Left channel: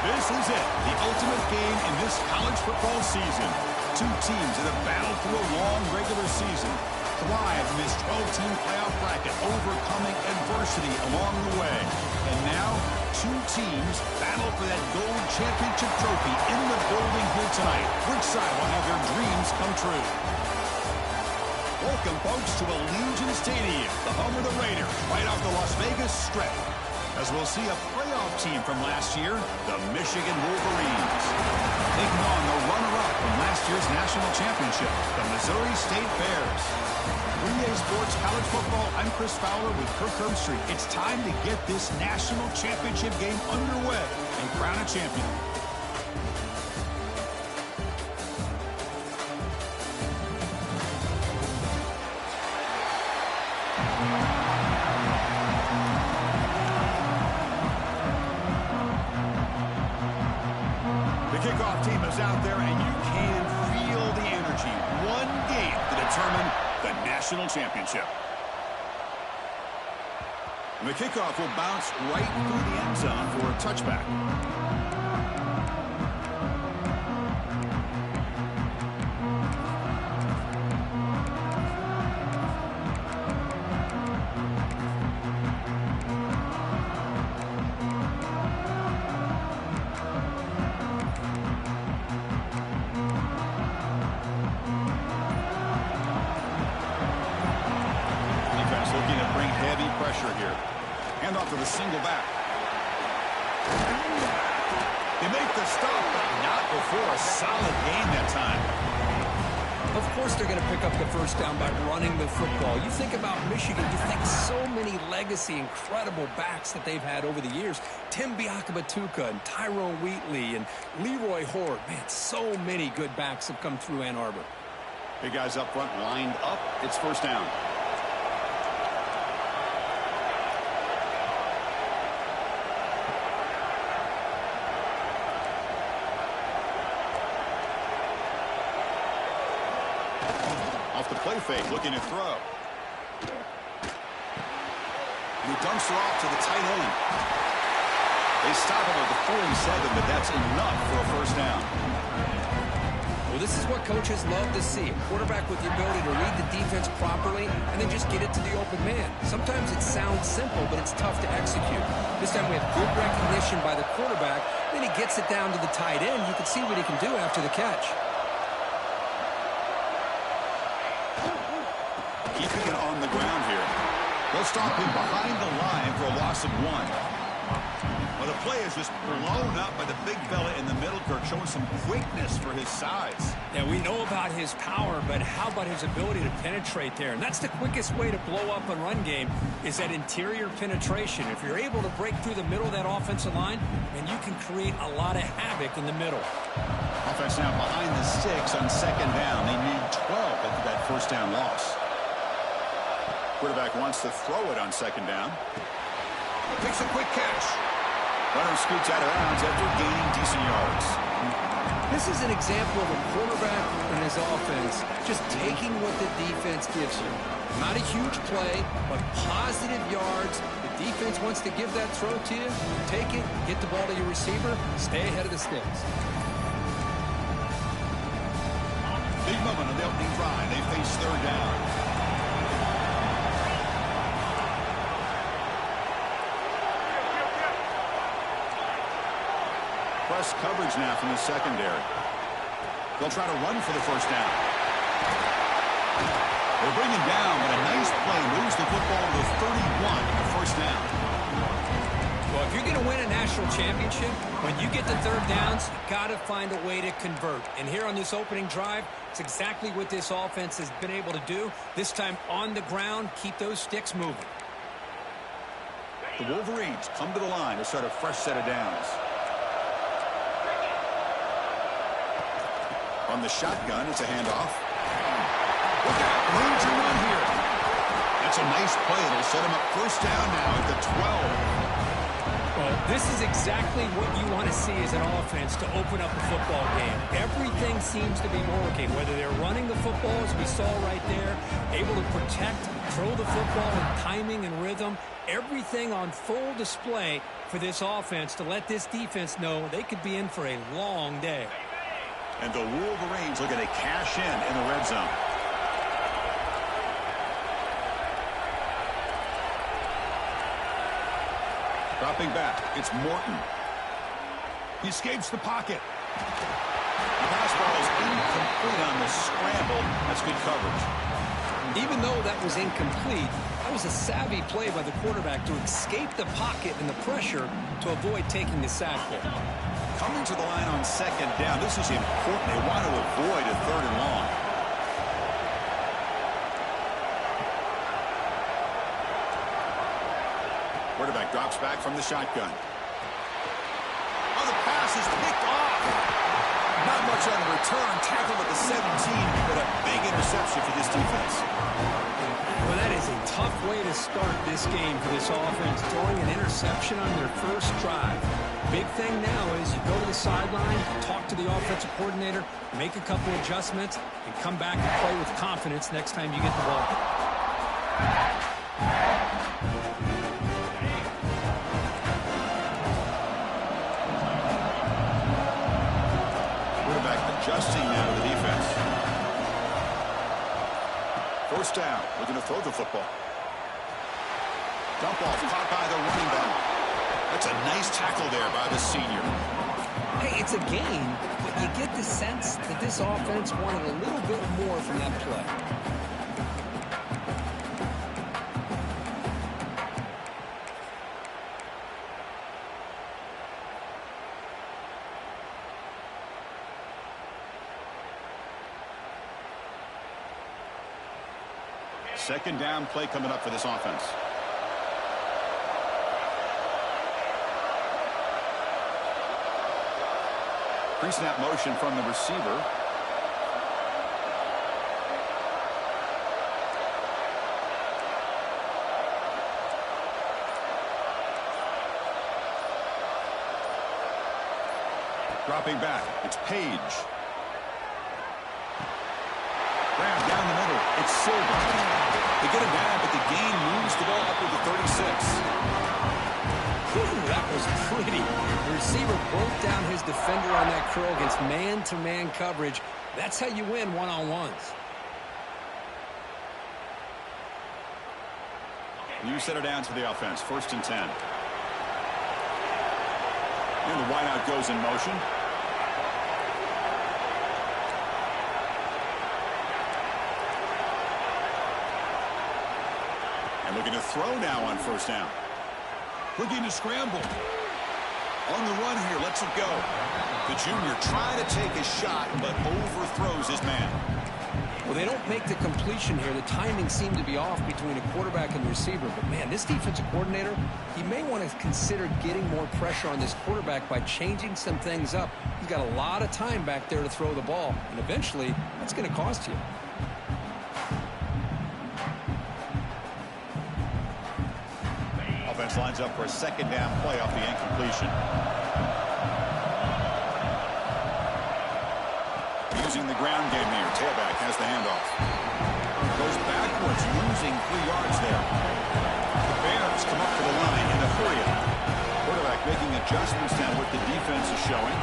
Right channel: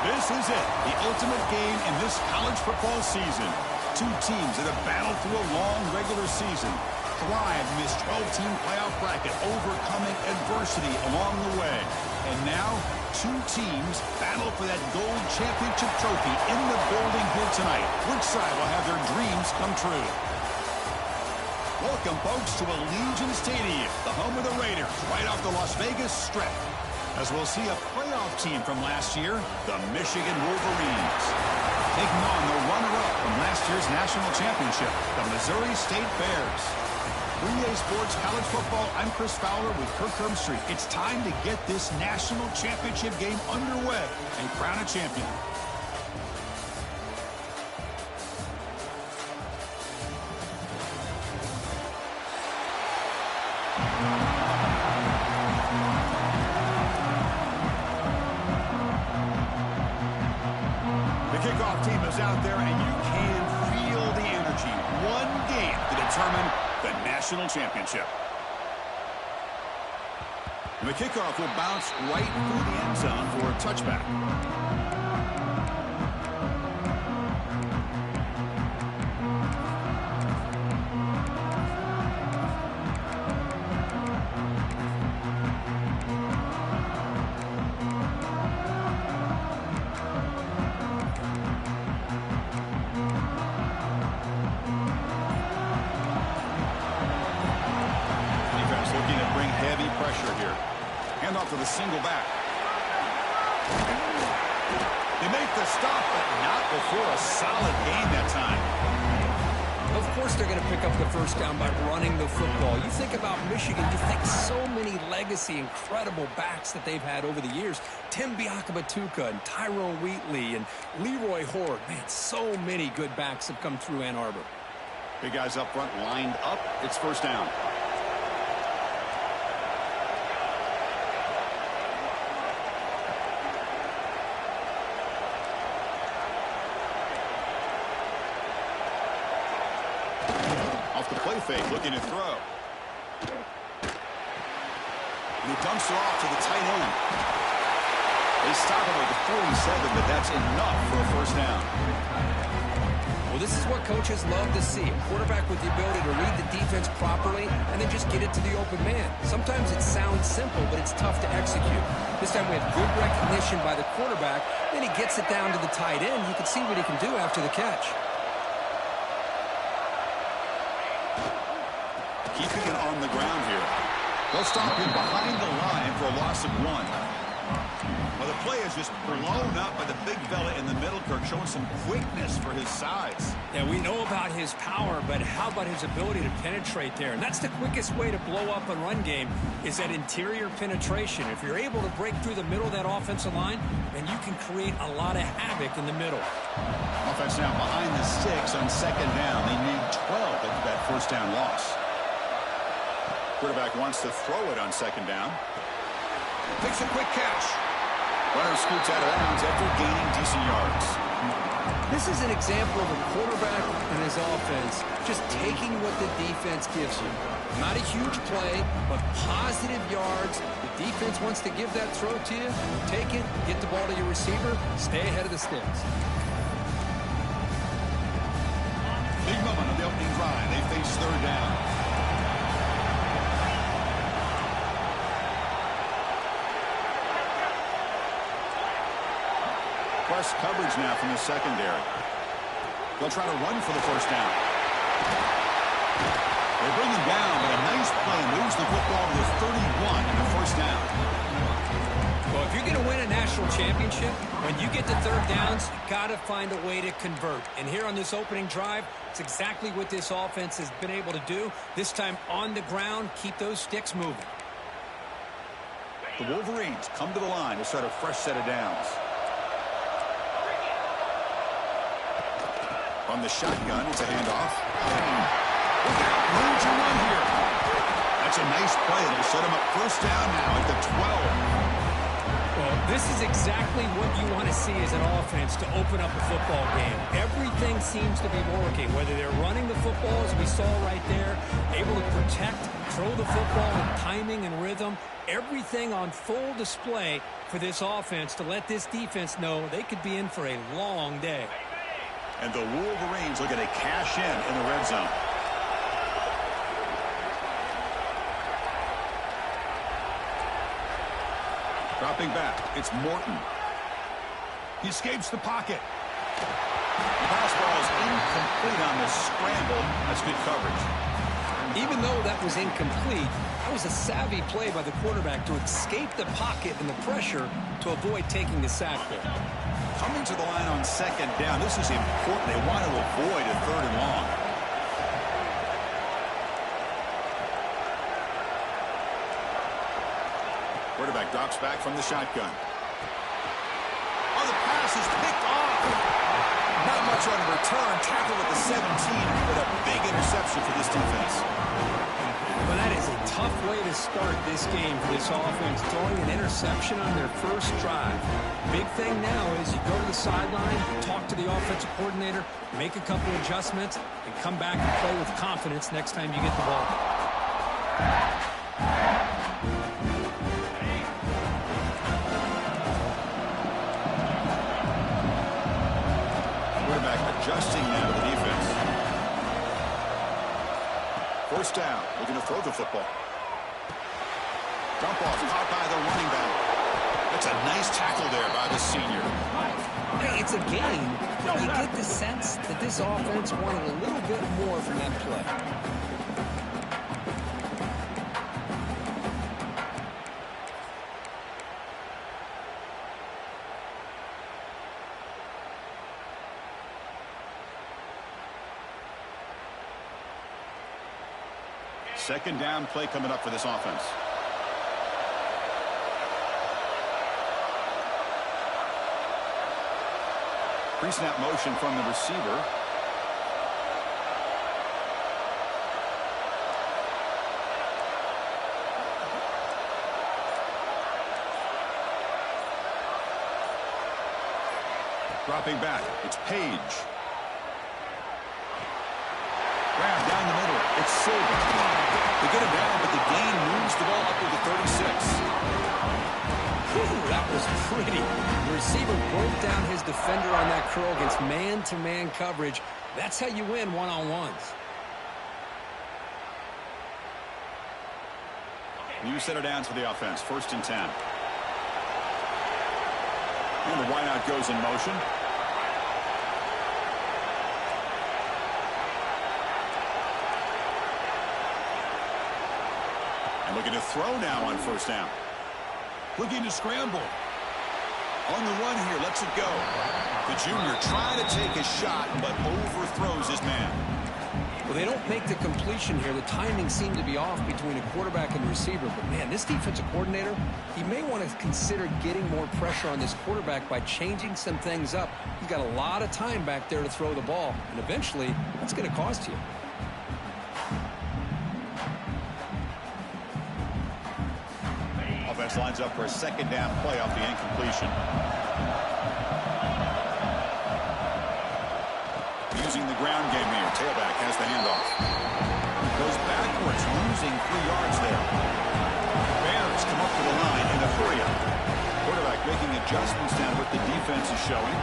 This is it, the ultimate game in this college football season. Two teams that have battled through a long regular season, thrived in this 12-team playoff bracket, overcoming adversity along the way. And now, two teams battle for that gold championship trophy in the building here tonight. Which side will have their dreams come true? Welcome, folks, to Allegiant Stadium, the home of the Raiders, right off the Las Vegas Strip. As we'll see a playoff team from last year, the Michigan Wolverines, taking on the runner-up from last year's national championship, the Missouri State Bears. 3A Sports College Football, I'm Chris Fowler with Kirk Herbstreit. It's time to get this national championship game underway and crown a champion. Kickoff team is out there, and you can feel the energy. One game to determine the national championship. And the kickoff will bounce right through the end zone for a touchback. Looking to bring heavy pressure here. Hand off to the single back. They make the stop, but not before a solid gain that time. Of course they're going to pick up the first down by running the football. You think about Michigan, you think so many legacy, incredible backs that they've had over the years. Tim Biakabatuka and Tyrone Wheatley and Leroy Horde. Man, so many good backs have come through Ann Arbor. Big guys up front lined up. It's first down. Off the play fake, looking to throw. And he dumps it off to the tight end. They stop him at the 47, but that's enough for a first down. Well, this is what coaches love to see. A quarterback with the ability to read the defense properly and then just get it to the open man. Sometimes it sounds simple, but it's tough to execute. This time we have good recognition by the quarterback. Then he gets it down to the tight end. You can see what he can do after the catch. Keeping it on the ground here. They'll stop him behind the line for a loss of 1. Well, the play is just blown up by the big fella in the middle, Kirk, showing some quickness for his size. Yeah, we know about his power, but how about his ability to penetrate there? And that's the quickest way to blow up a run game is that interior penetration. If you're able to break through the middle of that offensive line, then you can create a lot of havoc in the middle. Offense now behind the 6 on second down. They need 12 after that first down loss. Quarterback wants to throw it on second down. Makes a quick catch. Runner scoots out of bounds after gaining decent yards. This is an example of a quarterback and his offense just taking what the defense gives you. Not a huge play, but positive yards. The defense wants to give that throw to you. Take it, get the ball to your receiver, stay ahead of the sticks. Big moment on the opening drive. They face third down. Press coverage now from the secondary. They'll try to run for the first down. They bring him down, but a nice play moves the football to the 31 and the first down. Well, if you're going to win a national championship, when you get to third downs, you got to find a way to convert. And here on this opening drive, it's exactly what this offense has been able to do. This time on the ground, keep those sticks moving. The Wolverines come to the line to start a fresh set of downs. On the shotgun, it's a handoff. Look out, room to run here. That's a nice play. It'll set him up first down now at the 12. Well, this is exactly what you want to see as an offense to open up a football game. Everything seems to be working, whether they're running the football, as we saw right there, able to protect, throw the football with timing and rhythm, everything on full display for this offense to let this defense know they could be in for a long day. And the Wolverines looking to cash in the red zone. Dropping back, it's Morton. He escapes the pocket. The pass ball is incomplete on the scramble. That's good coverage. Even though that was incomplete, that was a savvy play by the quarterback to escape the pocket and the pressure to avoid taking the sack there. Coming to the line on second down, this is important. They want to avoid a third and long. Quarterback drops back from the shotgun. Oh, the pass is picked off. Not much on the return. Tackled at the 17, but a big interception for this defense. Well, that is a tough way to start this game for this offense, throwing an interception on their first drive. Big thing now is you go to the sideline, talk to the offensive coordinator, make a couple adjustments, and come back and play with confidence next time you get the ball. Adjusting now to the defense. First down, looking to throw the football. Dump off, caught by the running back. That's a nice tackle there by the senior. Hey, it's a game, but you get the sense that this offense wanted a little bit more from that play. Second down play coming up for this offense. Pre-snap motion from the receiver. Dropping back, it's Page. Grab down the middle. It's Silva. They get him down, but the gain moves the ball up to the 36. Whew, that was pretty. The receiver broke down his defender on that curl against man-to-man coverage. That's how you win one-on-ones. New set of downs for the offense. First and 10. And the wideout goes in motion. And looking to throw now on first down. Looking to scramble. On the run here, lets it go. The junior trying to take a shot, but overthrows his man. Well, they don't make the completion here. The timing seemed to be off between a quarterback and the receiver. But, man, this defensive coordinator, he may want to consider getting more pressure on this quarterback by changing some things up. He's got a lot of time back there to throw the ball. And eventually, that's going to cost you. Offense lines up for a second down play off the incompletion. Using the ground game here. Tailback has the handoff. Goes backwards, losing 3 yards there. The Bears come up to the line in a hurry up. Quarterback making adjustments down what the defense is showing.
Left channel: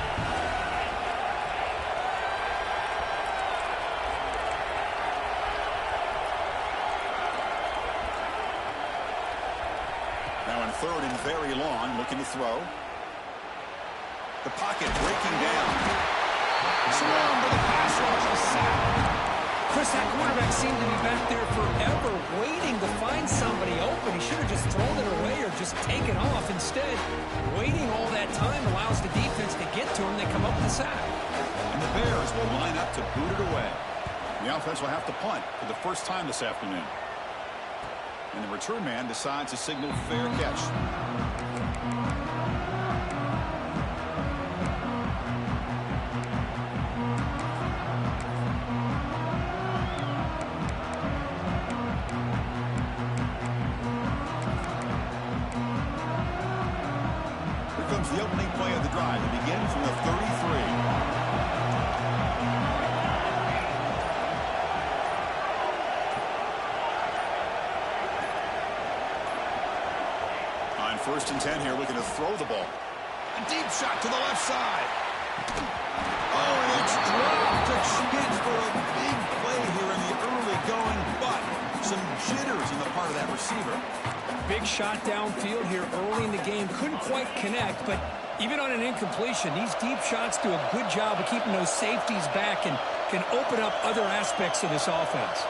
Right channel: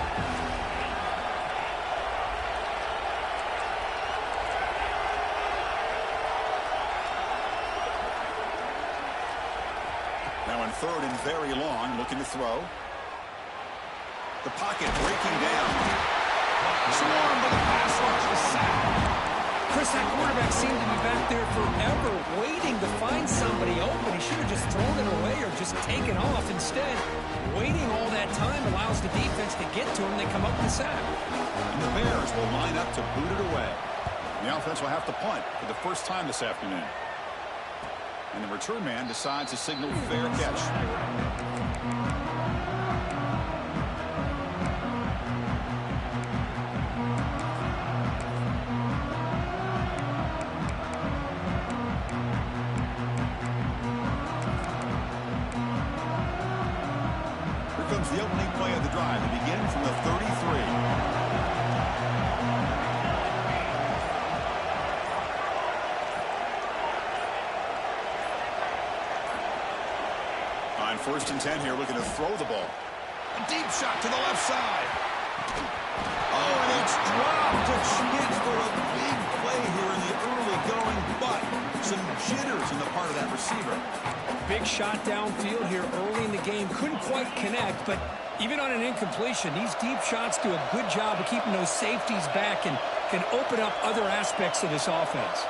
Now in third and very long, looking to throw. The pocket breaking down. Swarmed by the pass rush, the sack. Chris, that quarterback seemed to be back there forever waiting to find somebody open. He should have just thrown it away or just taken off. Instead, waiting all that time allows the defense to get to him. They come up with the sack. And the Bears will line up to boot it away. The offense will have to punt for the first time this afternoon. And the return man decides to signal fair catch. down from the 33. On 1st and 10 here, looking to throw the ball. A deep shot to the left side. Oh, and it's dropped. A chance for a big play here in the early going, but some jitters on the part of that receiver. Big shot downfield here early in the game. Couldn't quite connect, but even on an incompletion, these deep shots do a good job of keeping those safeties back and can open up other aspects of this offense.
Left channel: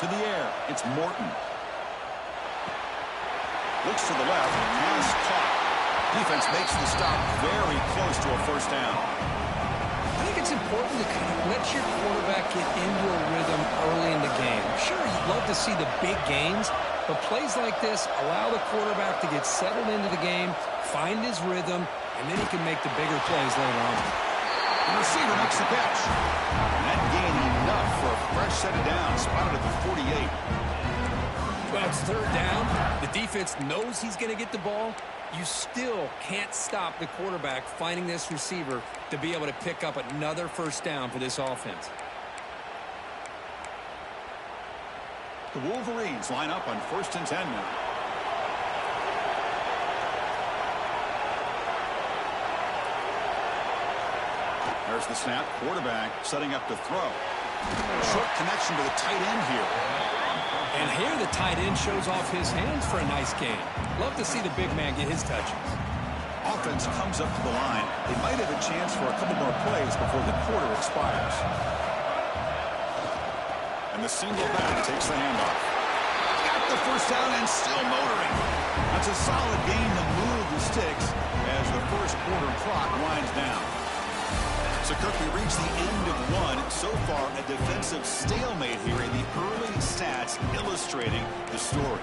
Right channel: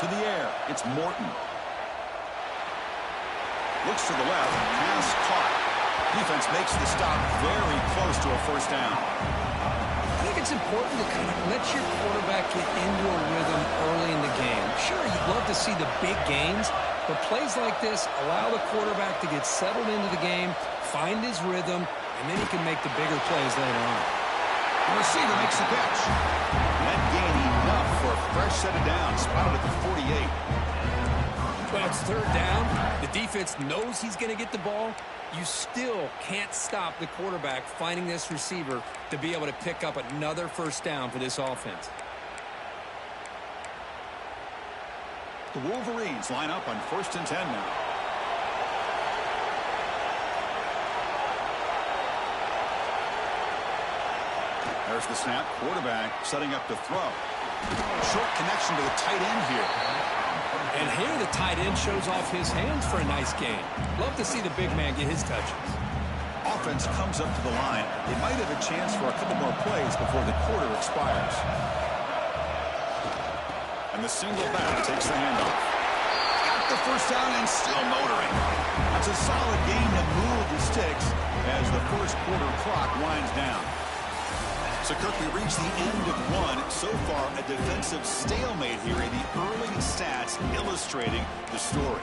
To the air, it's Morton. Looks to the left, pass caught. Defense makes the stop very close to a 1st down. I think it's important to kind of let your quarterback get into a rhythm early in the game. Sure, you'd love to see the big gains, but plays like this allow the quarterback to get settled into the game, find his rhythm, and then he can make the bigger plays later on. The receiver makes the catch. That gain enough for a fresh set of downs, spotted at the 48. Well, it's 3rd down. The defense knows he's going to get the ball. You still can't stop the quarterback finding this receiver to be able to pick up another 1st down for this offense. The Wolverines line up on 1st and 10 now. There's the snap. Quarterback setting up to throw. Short connection to the tight end here. And here the tight end shows off his hands for a nice gain. Love to see the big man get his touches. Offense comes up to the line. They might have a chance for a couple more plays before the quarter expires. And the single back takes the handoff. Got the 1st down and still motoring. That's a solid gain to move the sticks as the 1st quarter clock winds down. So, Kirk, we reach the end of one. So far, a defensive stalemate here in the early stats illustrating the story.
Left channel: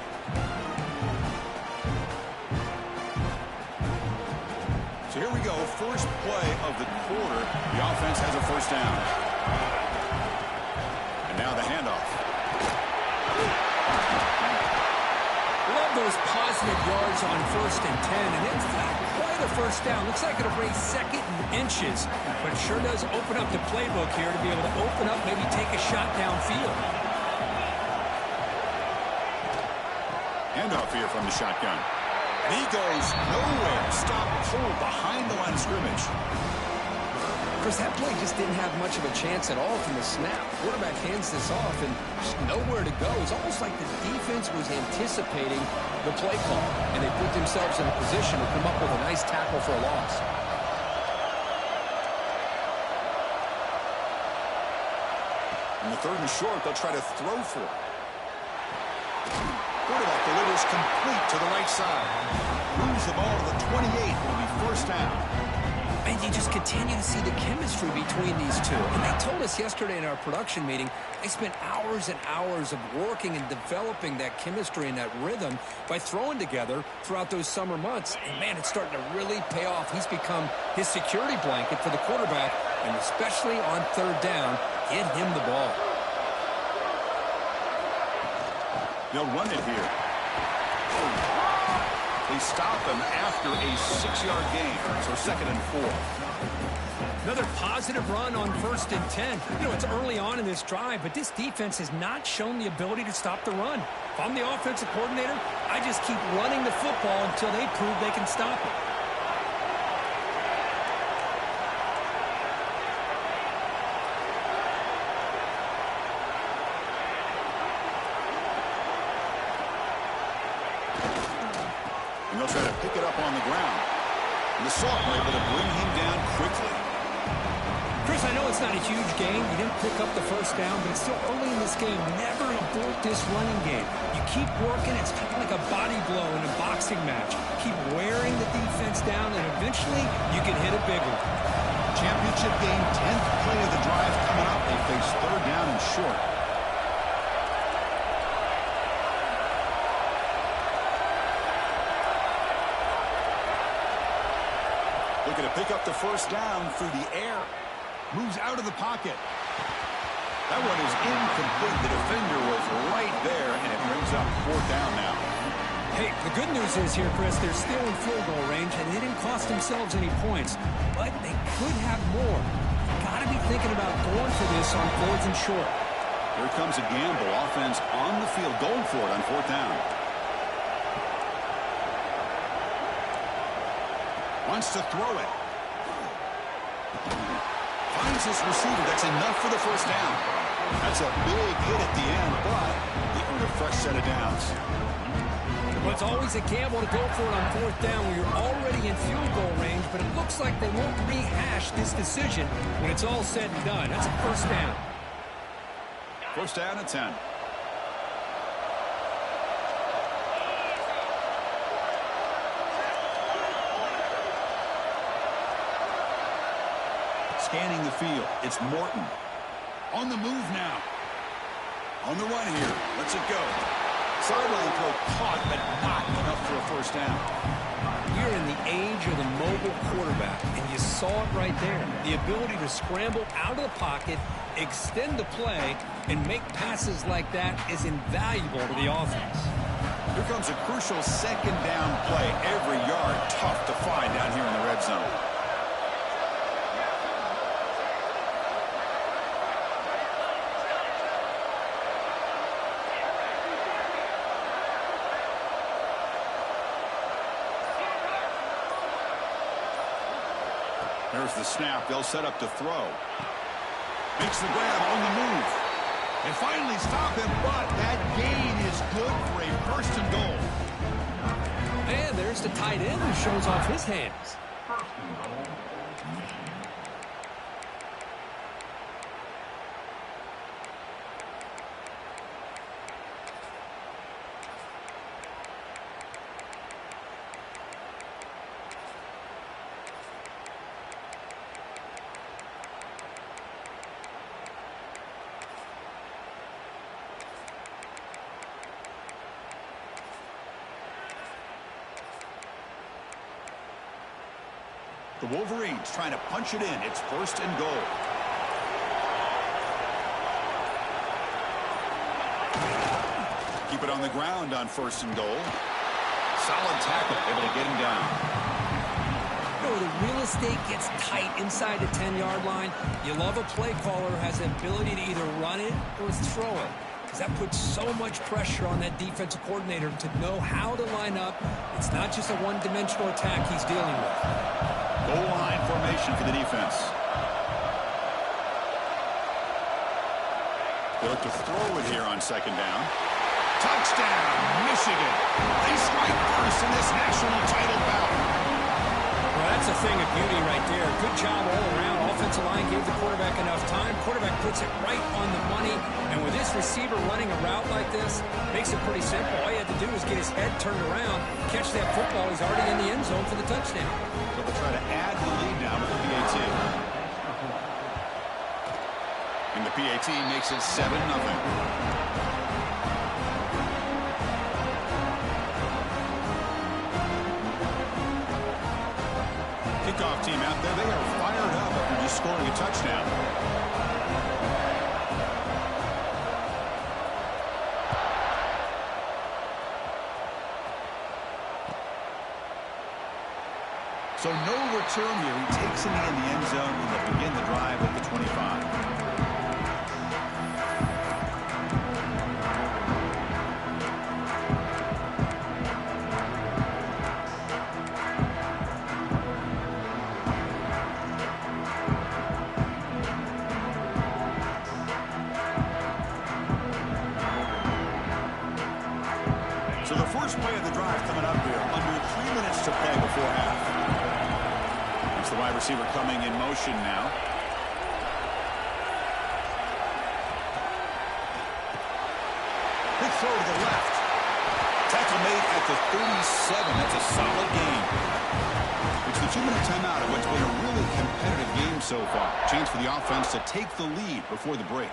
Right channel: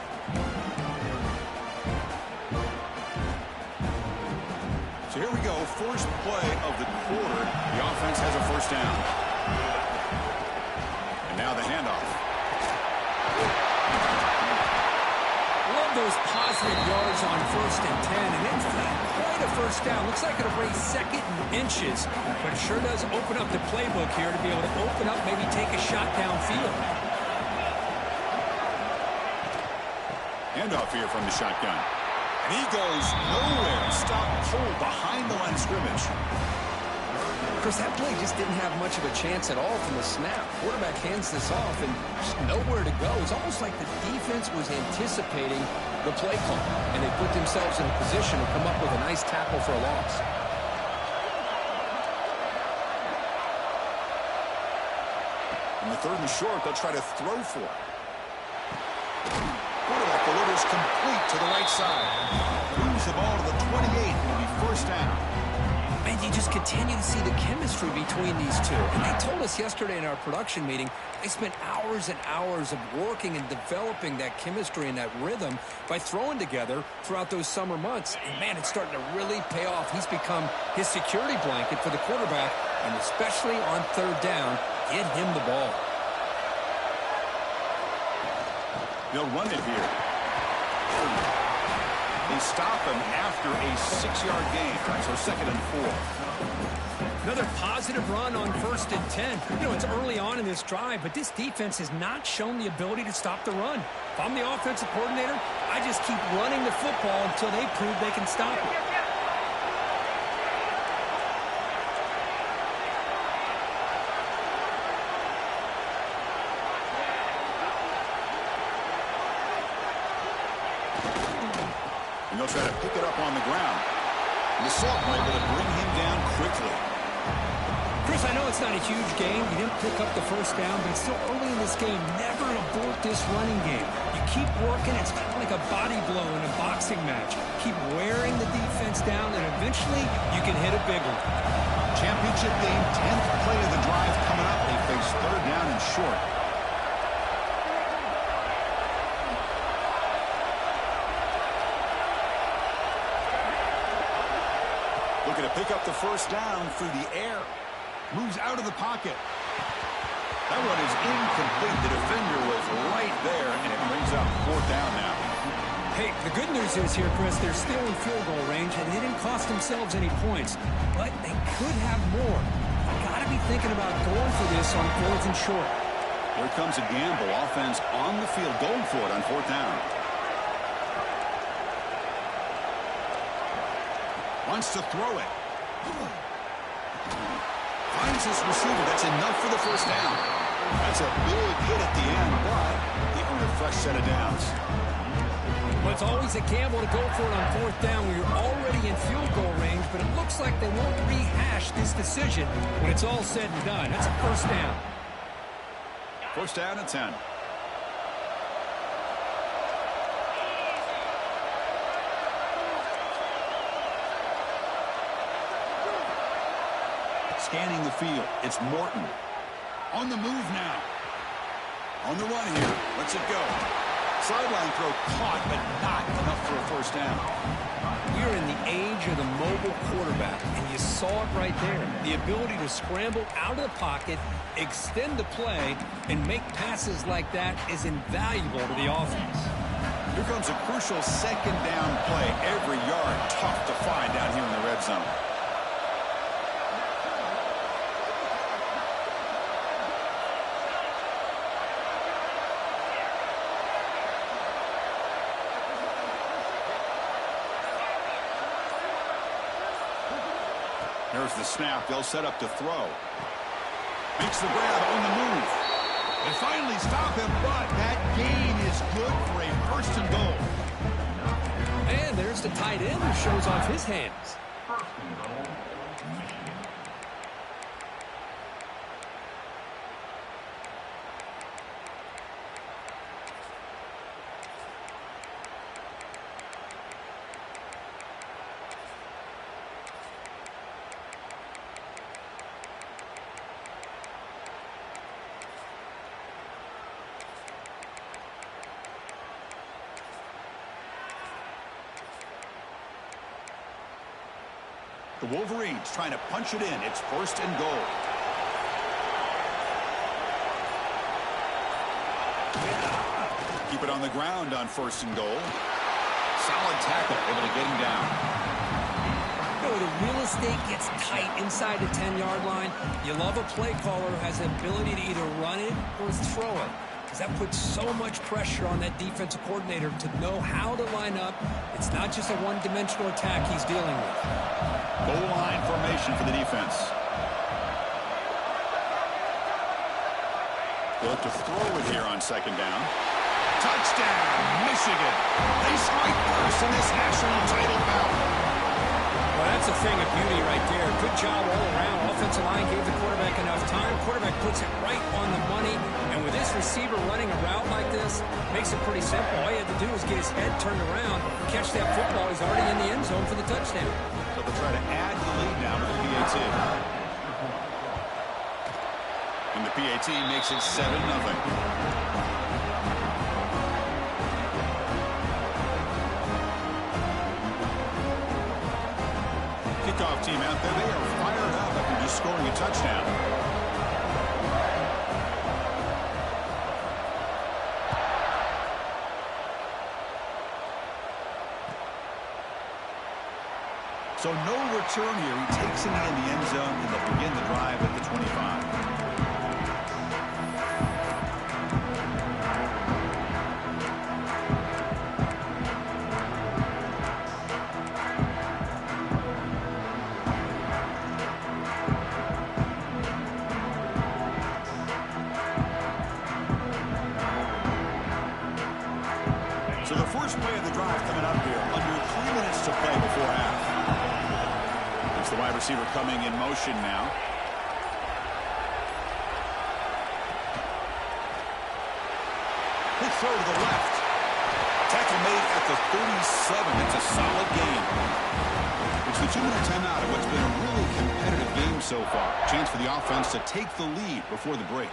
So here we go. First play of the quarter. The offense has a 1st down. And now the handoff. Love those positive yards on 1st and 10, and it's not quite a 1st down. Looks like it'll raise 2nd and inches, but it sure does open up the playbook here to be able to open up, maybe take a shot downfield. Handoff here from the shotgun. And he goes nowhere. Stop cold behind the line of scrimmage. Chris, that play just didn't have much of a chance at all from the snap. Quarterback hands this off and just nowhere to go. It's almost like the defense was anticipating the play call, and they put themselves in a position to come up with a nice tackle for a loss. In the 3rd and short, they'll try to throw for it. Quarterback delivers complete to the right side. Moves the ball to the 28. It'll be 1st down. And you just continue to see the chemistry between these two. And they told us yesterday in our production meeting, they spent hours and hours of working and developing that chemistry and that rhythm by throwing together throughout those summer months. And, man, it's starting to really pay off. He's become his security blanket for the quarterback, and especially on 3rd down, get him the ball. They'll run it here. They stop him after a 6-yard gain, so 2nd and 4. Another positive run on 1st and 10. You know, it's early on in this drive, but this defense has not shown the ability to stop the run. If I'm the offensive coordinator, I just keep running the football until they prove they can stop it. And they'll try to pick it up on the ground. And the Sophomore able to bring him down quickly. Chris, I know it's not a huge game. You didn't pick up the 1st down, but it's still early in this game. Never abort this running game. You keep working. It's kind of like a body blow in a boxing match. Keep wearing the defense down, and eventually you can hit a big one. Championship game, 10th play of the drive coming up. They face 3rd down and short. Looking to pick up the 1st down through the air. Moves out of the pocket. That one is incomplete. The defender was right there, and it brings up 4th down now. Hey, the good news is here, Chris, they're still in field goal range, and they didn't cost themselves any points. But they could have more. Got to be thinking about going for this on 4th and short. Here comes a gamble. Offense on the field, going for it on 4th down. Wants to throw it. Finds his receiver. That's enough for the 1st down. That's a big hit at the end, but they earned a fresh set of downs. Well, it's always a gamble to go for it on 4th down where you're already in field goal range, but it looks like they won't rehash this decision when it's all said and done. That's a 1st down. 1st down and 10. Scanning the field. It's Morton. On the move now. On the run here. Lets it go. Sideline throw caught, but not enough for a 1st down. We're in the age of the mobile quarterback, and you saw it right there. The ability to scramble out of the pocket, extend the play, and make passes like that is invaluable to the offense. Here comes a crucial 2nd down play. Every yard tough to find down here in the red zone. There's the snap. They'll set up to throw. Makes the grab on the move. They finally stop him, but that gain is good for a 1st and goal. And there's the tight end who shows off his hands. 1st and goal, Michigan. The Wolverines trying to punch it in. It's 1st and goal. Keep it on the ground on 1st and goal. Solid tackle, able to get him down. You know, the real estate gets tight inside the 10-yard line. You love a play caller who has the ability to either run it or throw it, because that puts so much pressure on that defensive coordinator to know how to line up. It's not just a one-dimensional attack he's dealing with. Goal line formation for the defense. They look to throw it here on 2nd down. Touchdown, Michigan. They strike first in this national title bout. Well, that's a thing of beauty right there. Good job all around. Offensive line gave the quarterback enough time. Quarterback puts it right on the money. And with this receiver running a route like this, makes it pretty simple. All he had to do was get his head turned around, catch that football. He's already in the end zone for the touchdown. So they'll try to add to the lead now with the PAT. And the PAT makes it 7-0. Kickoff team out there. They are fired up after just scoring a touchdown. So no return here. He takes it in the end zone, and they'll begin the drive at the 25. So the first play of the drive coming up here. Under 3 minutes to play before half. It's the wide receiver coming in motion now. Big throw to the left. Tackle made at the 37. That's a solid gain. It's the 2-minute timeout of what's been a really competitive game so far. Chance for the offense to take the lead before the break.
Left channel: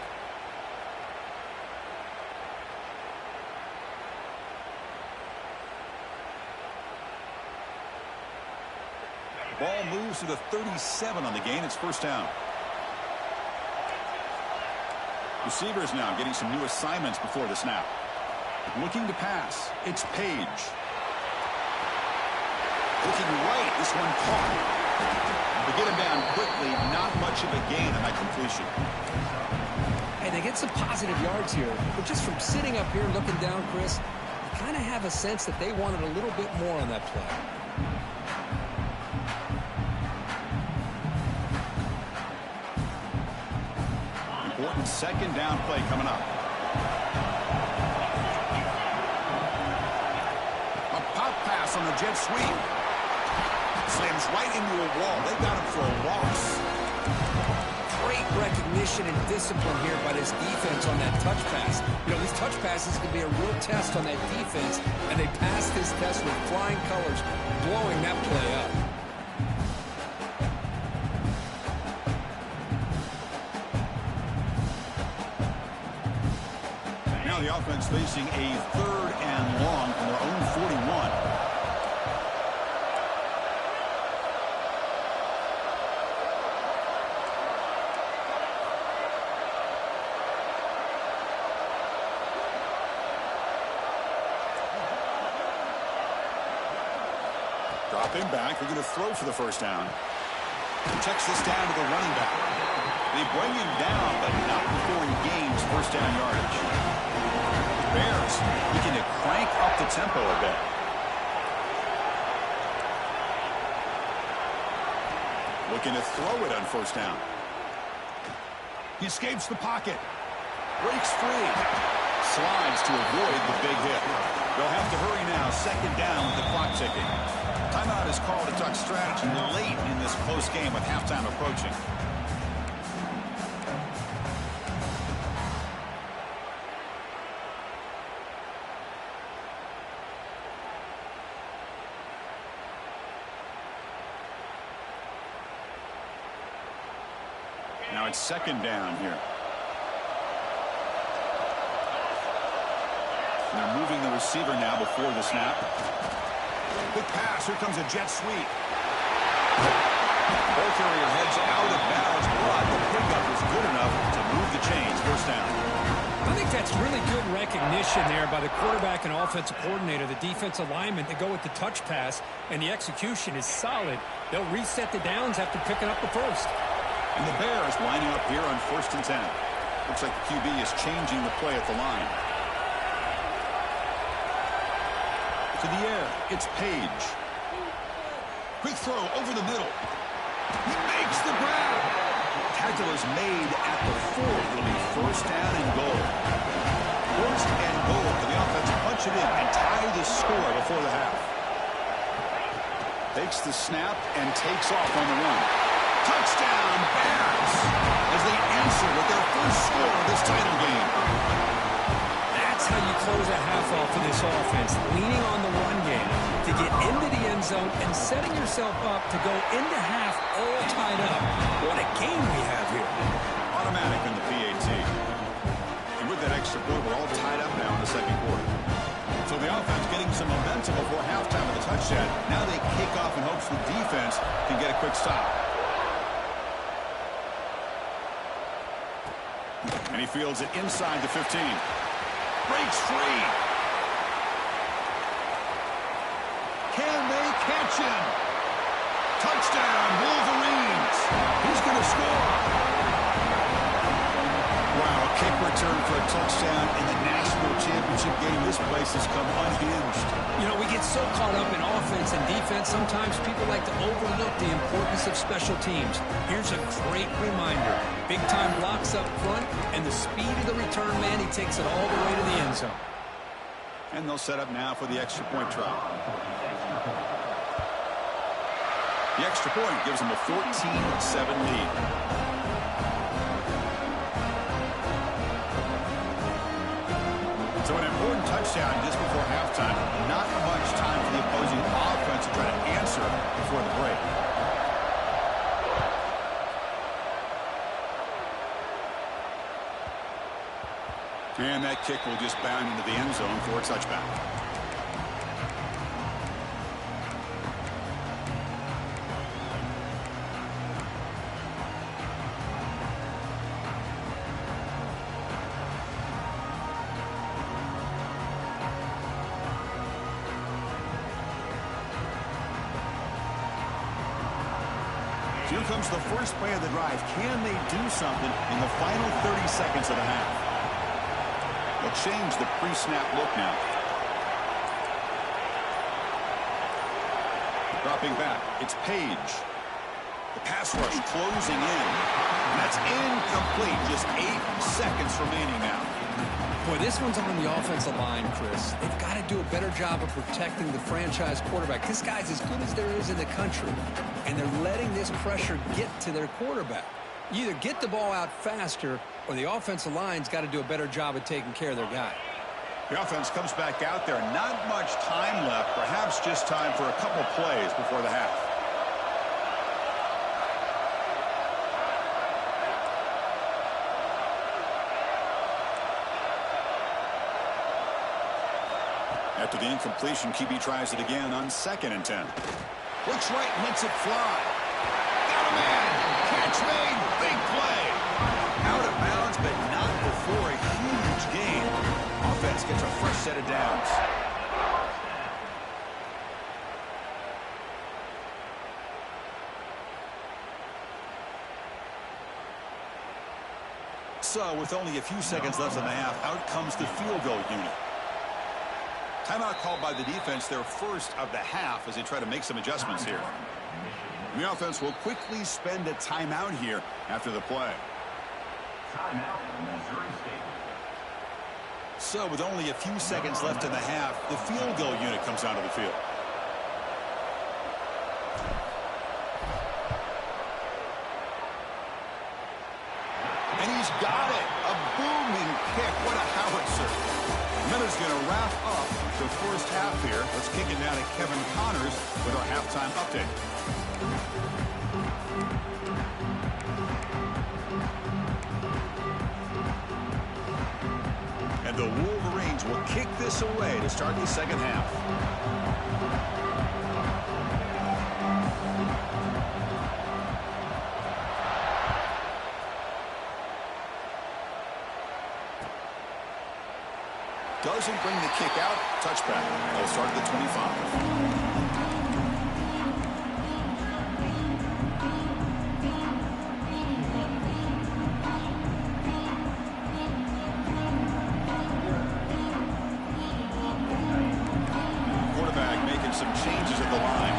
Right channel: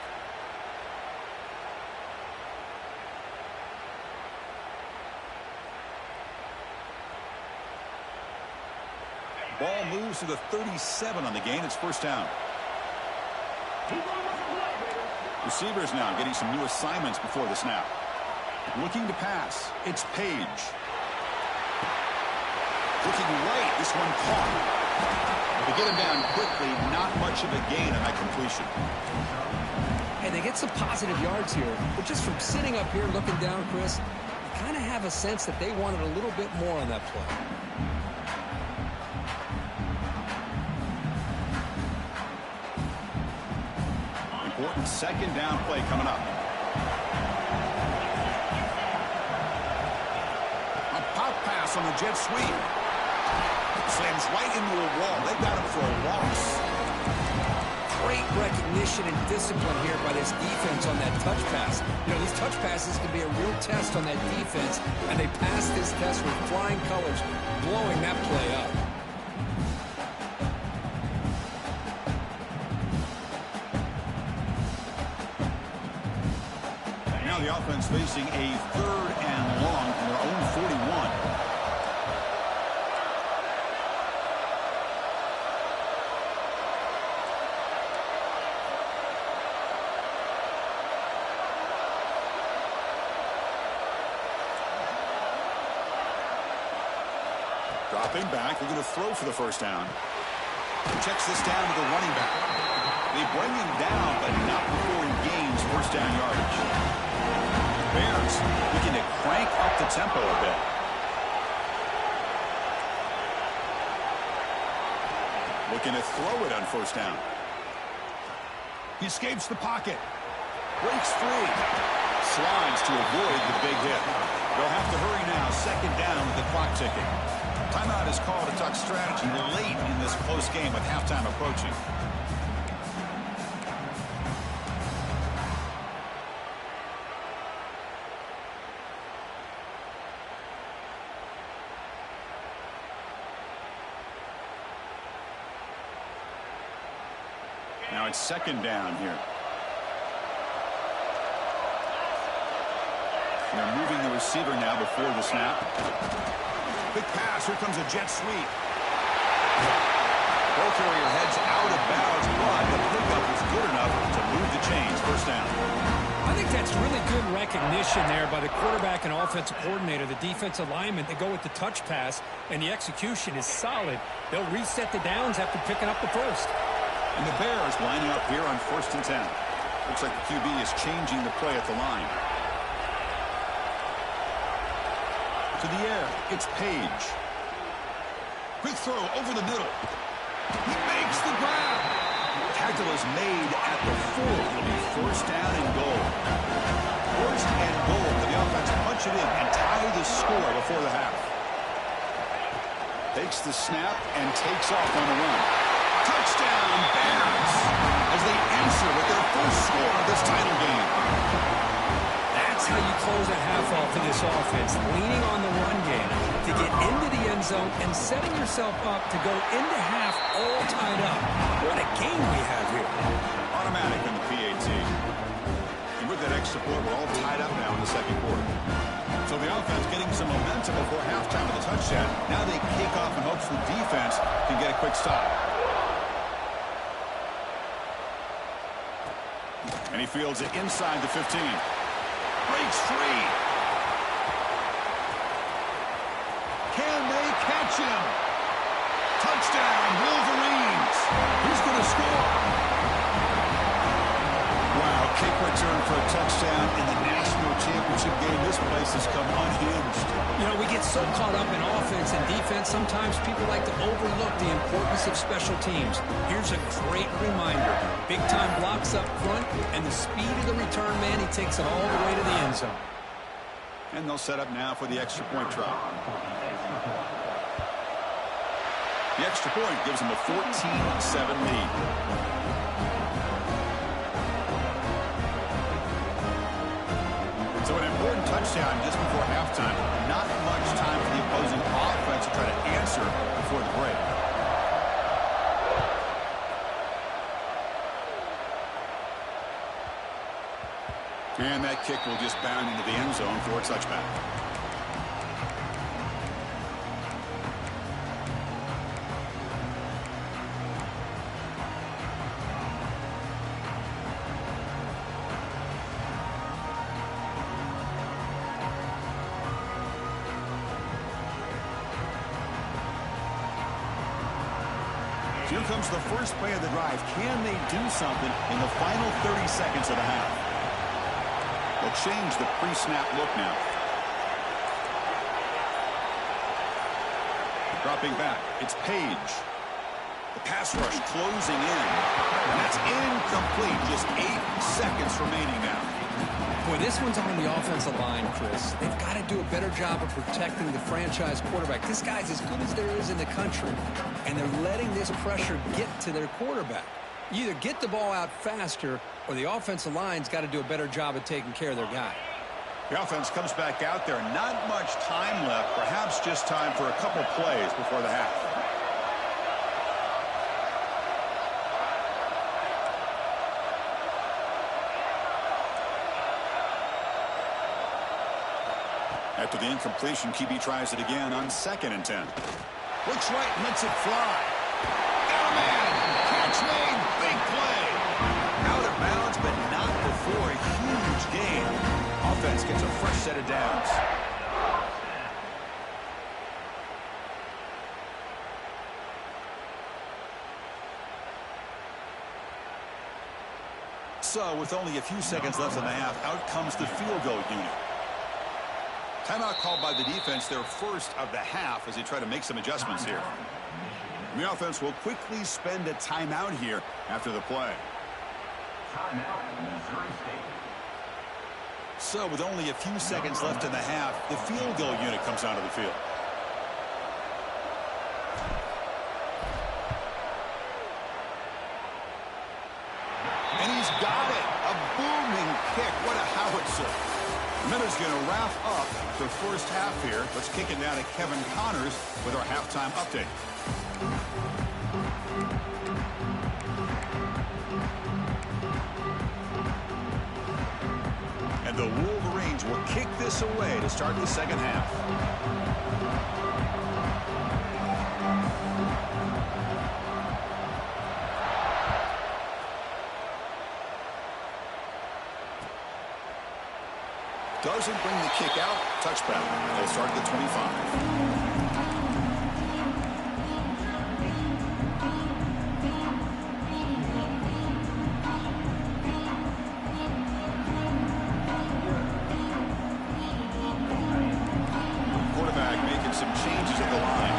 Ball moves to the 37 on the gain. It's 1st down. Receivers now getting some new assignments before the snap. Looking to pass. It's Page. Looking right, this one caught. They get him down quickly, not much of a gain on that completion. Hey, they get some positive yards here, but just from sitting up here looking down, Chris, you kind of have a sense that they wanted a little bit more on that play. Important second down play coming up. A pop pass on the jet sweep. Slams right into a wall. They got him for a loss. Great recognition and discipline here by this defense on that touch pass. You know, these touch passes can be a real test on that defense, and they passed this test with flying colors, blowing that play up. Now the offense facing a 3rd and long from their own 41. Dropping back, they're going to throw for the first down. Checks this down to the running back. They bring him down, but not before he gains first down yardage. The Bears looking to crank up the tempo a bit. Looking to throw it on first down. He escapes the pocket. Breaks free. Slides to avoid the big hit. They'll have to hurry now. Second down with the clock ticking. Timeout is called to talk strategy late in this close game with halftime approaching. Now it's second down here. And they're moving the receiver now before the snap. Quick pass. Here comes a jet sweep. Ball carrier heads out of bounds, but the pickup is good enough to move the chains. First down. I think that's really good recognition there by the quarterback and offensive coordinator, the defensive lineman, to go with the touch pass, and the execution is solid. They'll reset the downs after picking up the first. And the Bears lining up here on 1st and 10. Looks like the QB is changing the play at the line. To the air, it's Page. Quick throw over the middle. He makes the grab. Tackle is made at the 4. It'll be first down and goal. First and goal. Can the offense punch it in and tie the score before the half? Takes the snap and takes off on the run. Touchdown, Bears, as they answer with their first score of this title game. That's how you close a half off for this offense, leaning on the run game to get into the end zone and setting yourself up to go into half all tied up. What a game we have here. Automatic in the PAT. And with that extra point, we're all tied up now in the second quarter. So the offense getting some momentum before halftime with a touchdown. Now they kick off in hopes the defense can get a quick stop. And he fields it inside the 15. Breaks free. Can they catch him? Touchdown, Wolverines. He's going to score. Wow, kick return for a touchdown in the national championship game. This place has come unhinged. You know, we get so caught up in offense and defense, sometimes people like to overlook the importance of special teams. Here's a great reminder. Big-time blocks up front, and the speed of the return man, he takes it all the way to the end zone. And they'll set up now for the extra point try. The extra point gives them a 14-7 lead. So an important touchdown just before halftime. Not much time for the opposing offense to try to answer before the break. And that kick will just bound into the end zone for a touchback. Here comes the first play of the drive. Can they do something in the final 30 seconds of the half? They'll change the pre-snap look now. Dropping back, it's Page. The pass rush closing in. And that's incomplete. Just 8 seconds remaining now. Boy, this one's on the offensive line, Chris. They've got to do a better job of protecting the franchise quarterback. This guy's as good as there is in the country, and they're letting this pressure get to their quarterback. You either get the ball out faster, or the offensive line's got to do a better job of taking care of their guy. The offense comes back out there. Not much time left. Perhaps just time for a couple plays before the half. After the incompletion, QB tries it again on 2nd and 10. Looks right and lets it fly. Got a man. Catch made. Big play. Out of bounds, but not before a huge gain. Offense gets a fresh set of downs. So, with only a few seconds left in the half, out comes the field goal unit. Timeout called by the defense, their first of the half, as they try to make some adjustments here. The offense will quickly spend a timeout here after the play. Timeout, Missouri State. So with only a few seconds left in the half, the field goal unit comes onto the field. And he's got it. A booming kick. What a howitzer. Miller's going to wrap up the first half here. Let's kick it down to Kevin Connors with our halftime update. And the Wolverines will kick this away to start the second half. Doesn't bring the kick out. Touchback. They'll start at the 25. Quarterback making some changes at the line.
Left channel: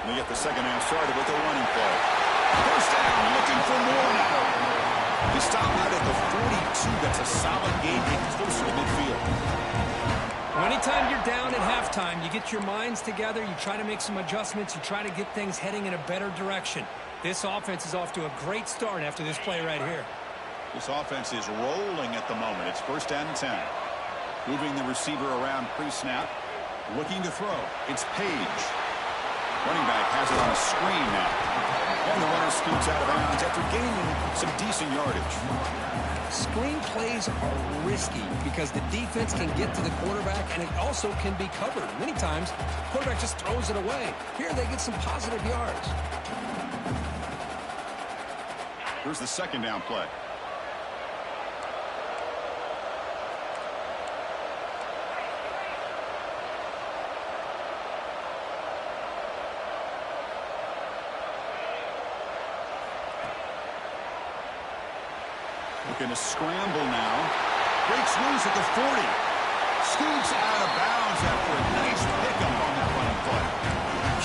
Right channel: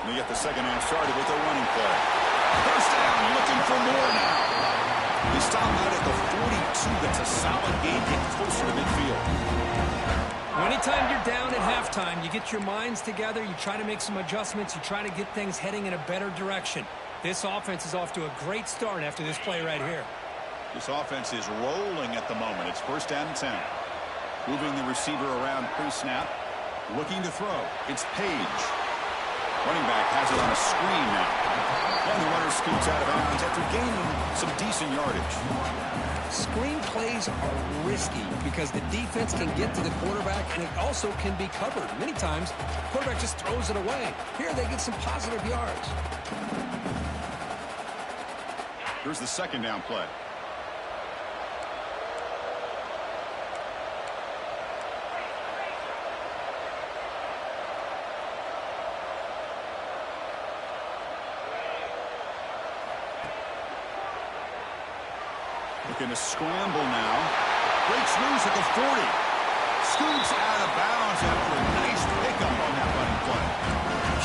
And they get the second half started with a running play. First down, looking for more now. They stop out at the 42. That's a solid gain, get closer to midfield. Well, anytime you're down at halftime, you get your minds together, you try to make some adjustments, you try to get things heading in a better direction. This offense is off to a great start after this play right here. This offense is rolling at the moment. It's first down and 10. Moving the receiver around pre-snap. Looking to throw. It's Page. Running back has it on a screen now. And the runner scoots out of bounds after gaining some decent yardage. Screen plays are risky because the defense can get to the quarterback and it also can be covered. Many times, the quarterback just throws it away. Here they get some positive yards. Here's the second down play. Looking to scramble now. Breaks loose at the 40. Scoots out of bounds after a nice pickup on that running play.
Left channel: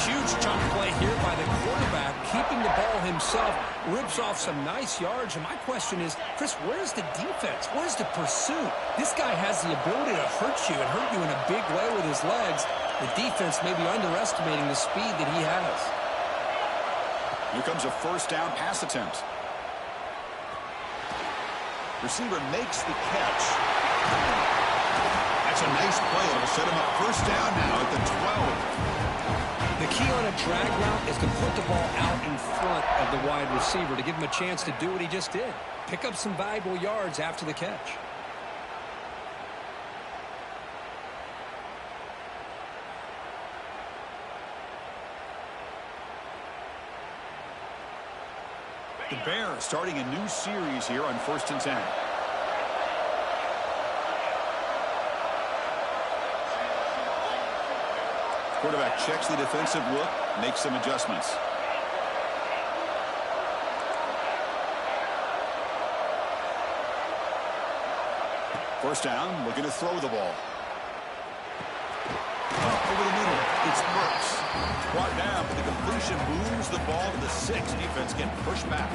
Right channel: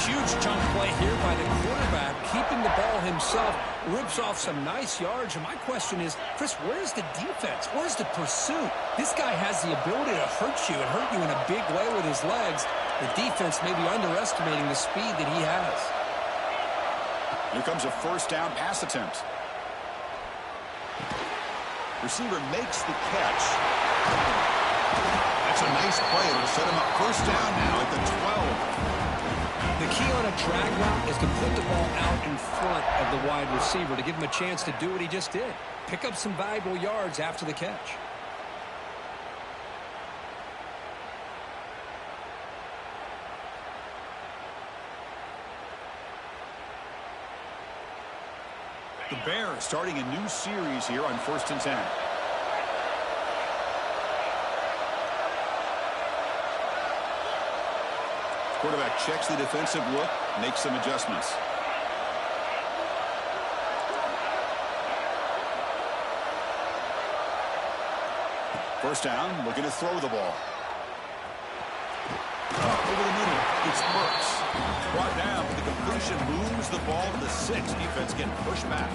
Huge chunk play here by the quarterback, keeping the ball himself, rips off some nice yards. And my question is, Chris, where's the defense? Where's the pursuit? This guy has the ability to hurt you and hurt you in a big way with his legs. The defense may be underestimating the speed that he has. Here comes a first down pass attempt. Receiver makes the catch. That's a nice play. It'll set him up first down now at the 12. The key on a drag route is to put the ball out in front of the wide receiver to give him a chance to do what he just did. Pick up some valuable yards after the catch. The Bears starting a new series here on first and 10. Quarterback checks the defensive look, makes some adjustments. First down, looking to throw the ball. Over the middle, it's Burks. Brought down, but the completion moves the ball to the 6. Defense getting pushed back.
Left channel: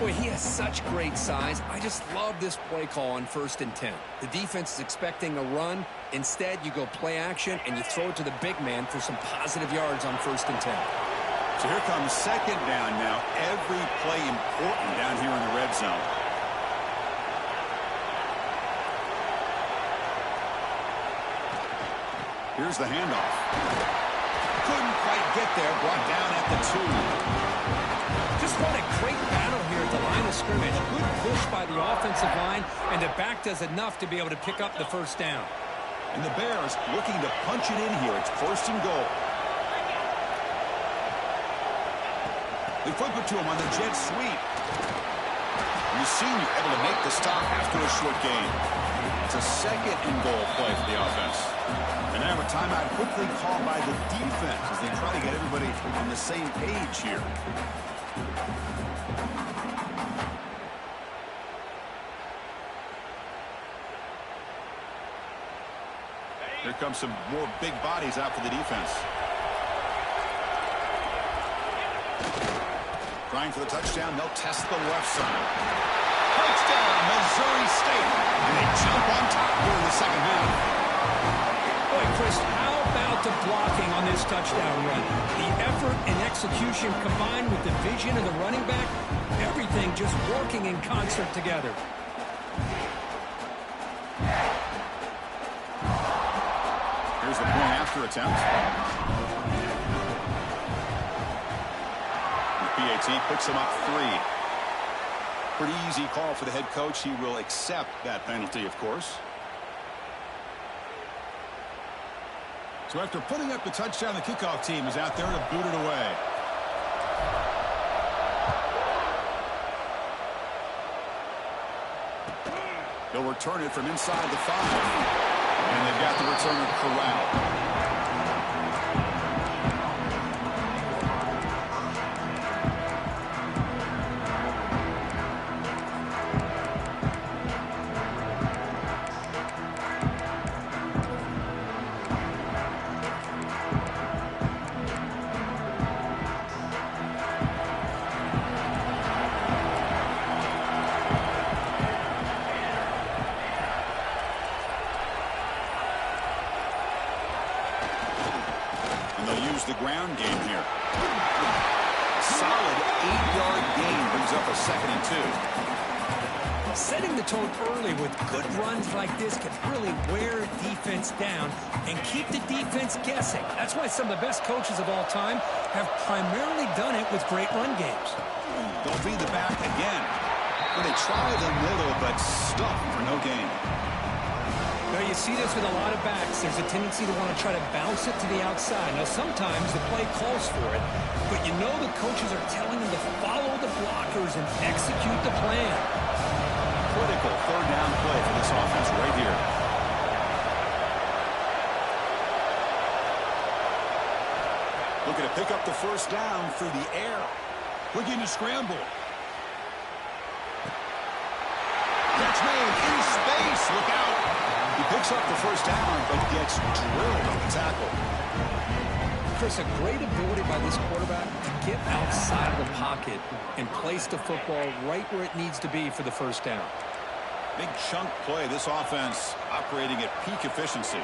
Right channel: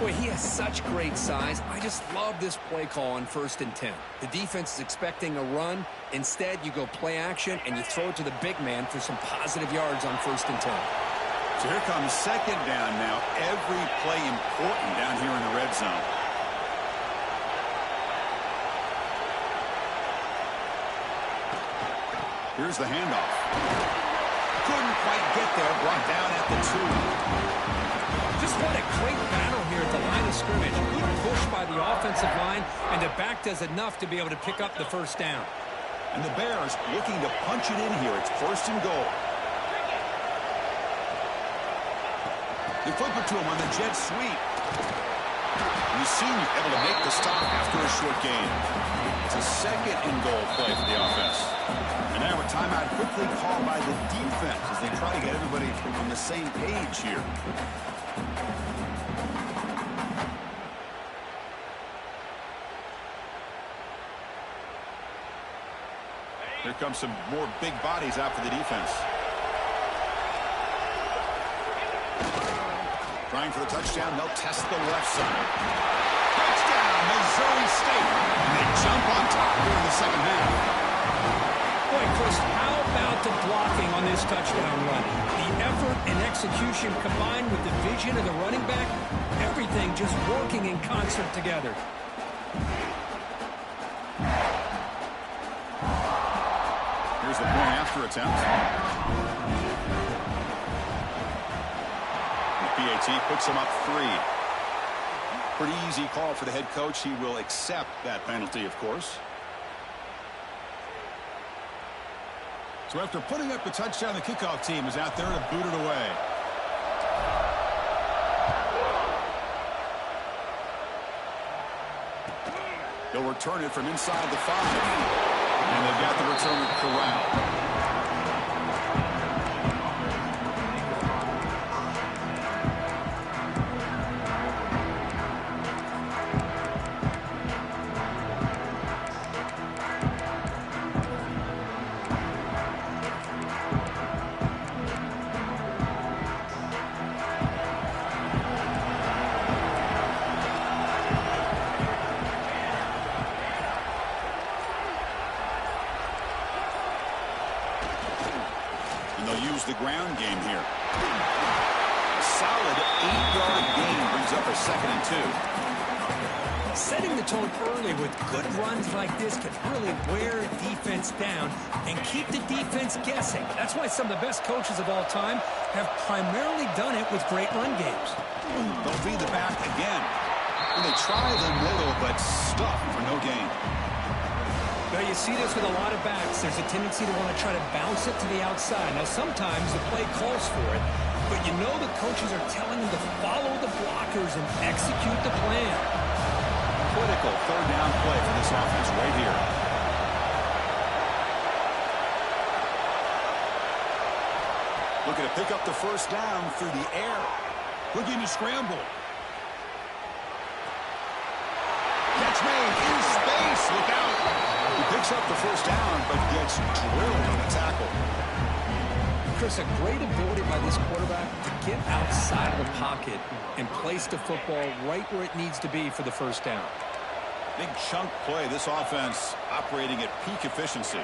Boy, he has such great size. I just love this play call on 1st and 10. The defense is expecting a run. Instead, you go play action, and you throw it to the big man for some positive yards on 1st and 10. So here comes 2nd down now. Every play important down here in the red zone. Here's the handoff. Couldn't quite get there. Brought down at the 2. Just what a great battle here at the line of scrimmage. Good push by the offensive line, and the back does enough to be able to pick up the first down. And the Bears looking to punch it in here. It's 1st and goal. They flip it to him on the jet sweep. And the senior able to make the stop after a short gain. It's a 2nd and goal play for the offense. And now a timeout quickly called by the defense as they try to get everybody on the same page here. Here comes some more big bodies out for the defense. Trying for the touchdown, they'll test the left side. Touchdown, Missouri State. And they jump on top here in the 2nd half. Boy, Chris, how about the blocking on this touchdown run? The effort and execution combined with the vision of the running back, everything just working in concert together. Here's the point after attempt. The PAT puts him up 3. Pretty easy call for the head coach. He will accept that penalty, of course. So after putting up the touchdown, the kickoff team is out there to boot it away. He'll return it from inside the 5. And they've got the returner corralled. The ground game here. A solid 8-yard gain brings up a 2nd and 2. Setting the tone early with good runs like this can really wear defense down and keep the defense guessing. That's why some of the best coaches of all time have primarily done it with great run games. They'll feed the back again. And they try the middle, but stuff for no gain. Well, you see this with a lot of backs. There's a tendency to want to try to bounce it to the outside. Now, sometimes the play calls for it, but you know the coaches are telling them to follow the blockers and execute the plan. Critical 3rd down play for this offense right here. Looking to pick up the first down through the air. Looking to scramble. Catch made in space. Look out. He picks up the first down, but gets drilled on the tackle. Chris, a great ability by this quarterback to get outside of the pocket and place the football right where it needs to be for the first down. Big chunk play. This offense operating at peak efficiency.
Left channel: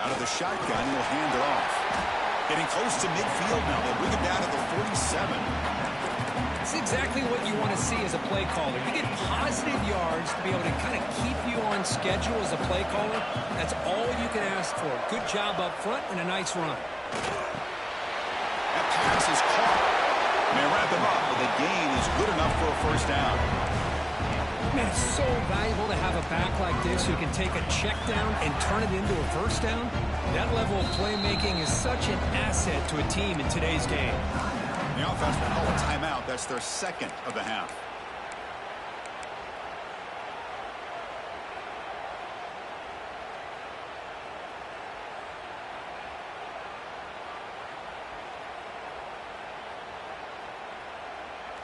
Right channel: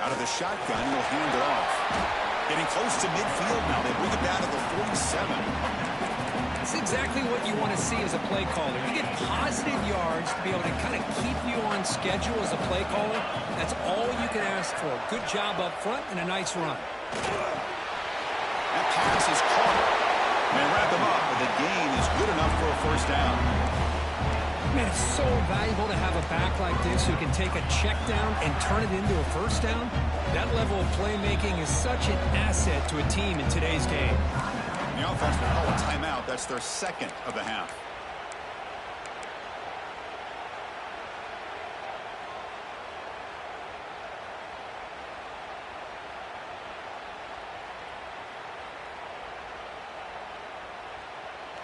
Out of the shotgun, he'll hand it off. Getting close to midfield now. They bring it down to the 47. That's exactly what you want to see as a play caller. You get positive yards to be able to kind of keep you on schedule as a play caller. That's all you can ask for. Good job up front and a nice run. That pass is caught. May wrap him up, but the gain is good enough for a first down. Man, it's so valuable to have a back like this who can take a check down and turn it into a first down. That level of playmaking is such an asset to a team in today's game. The offense will call a timeout. That's their 2nd of the half.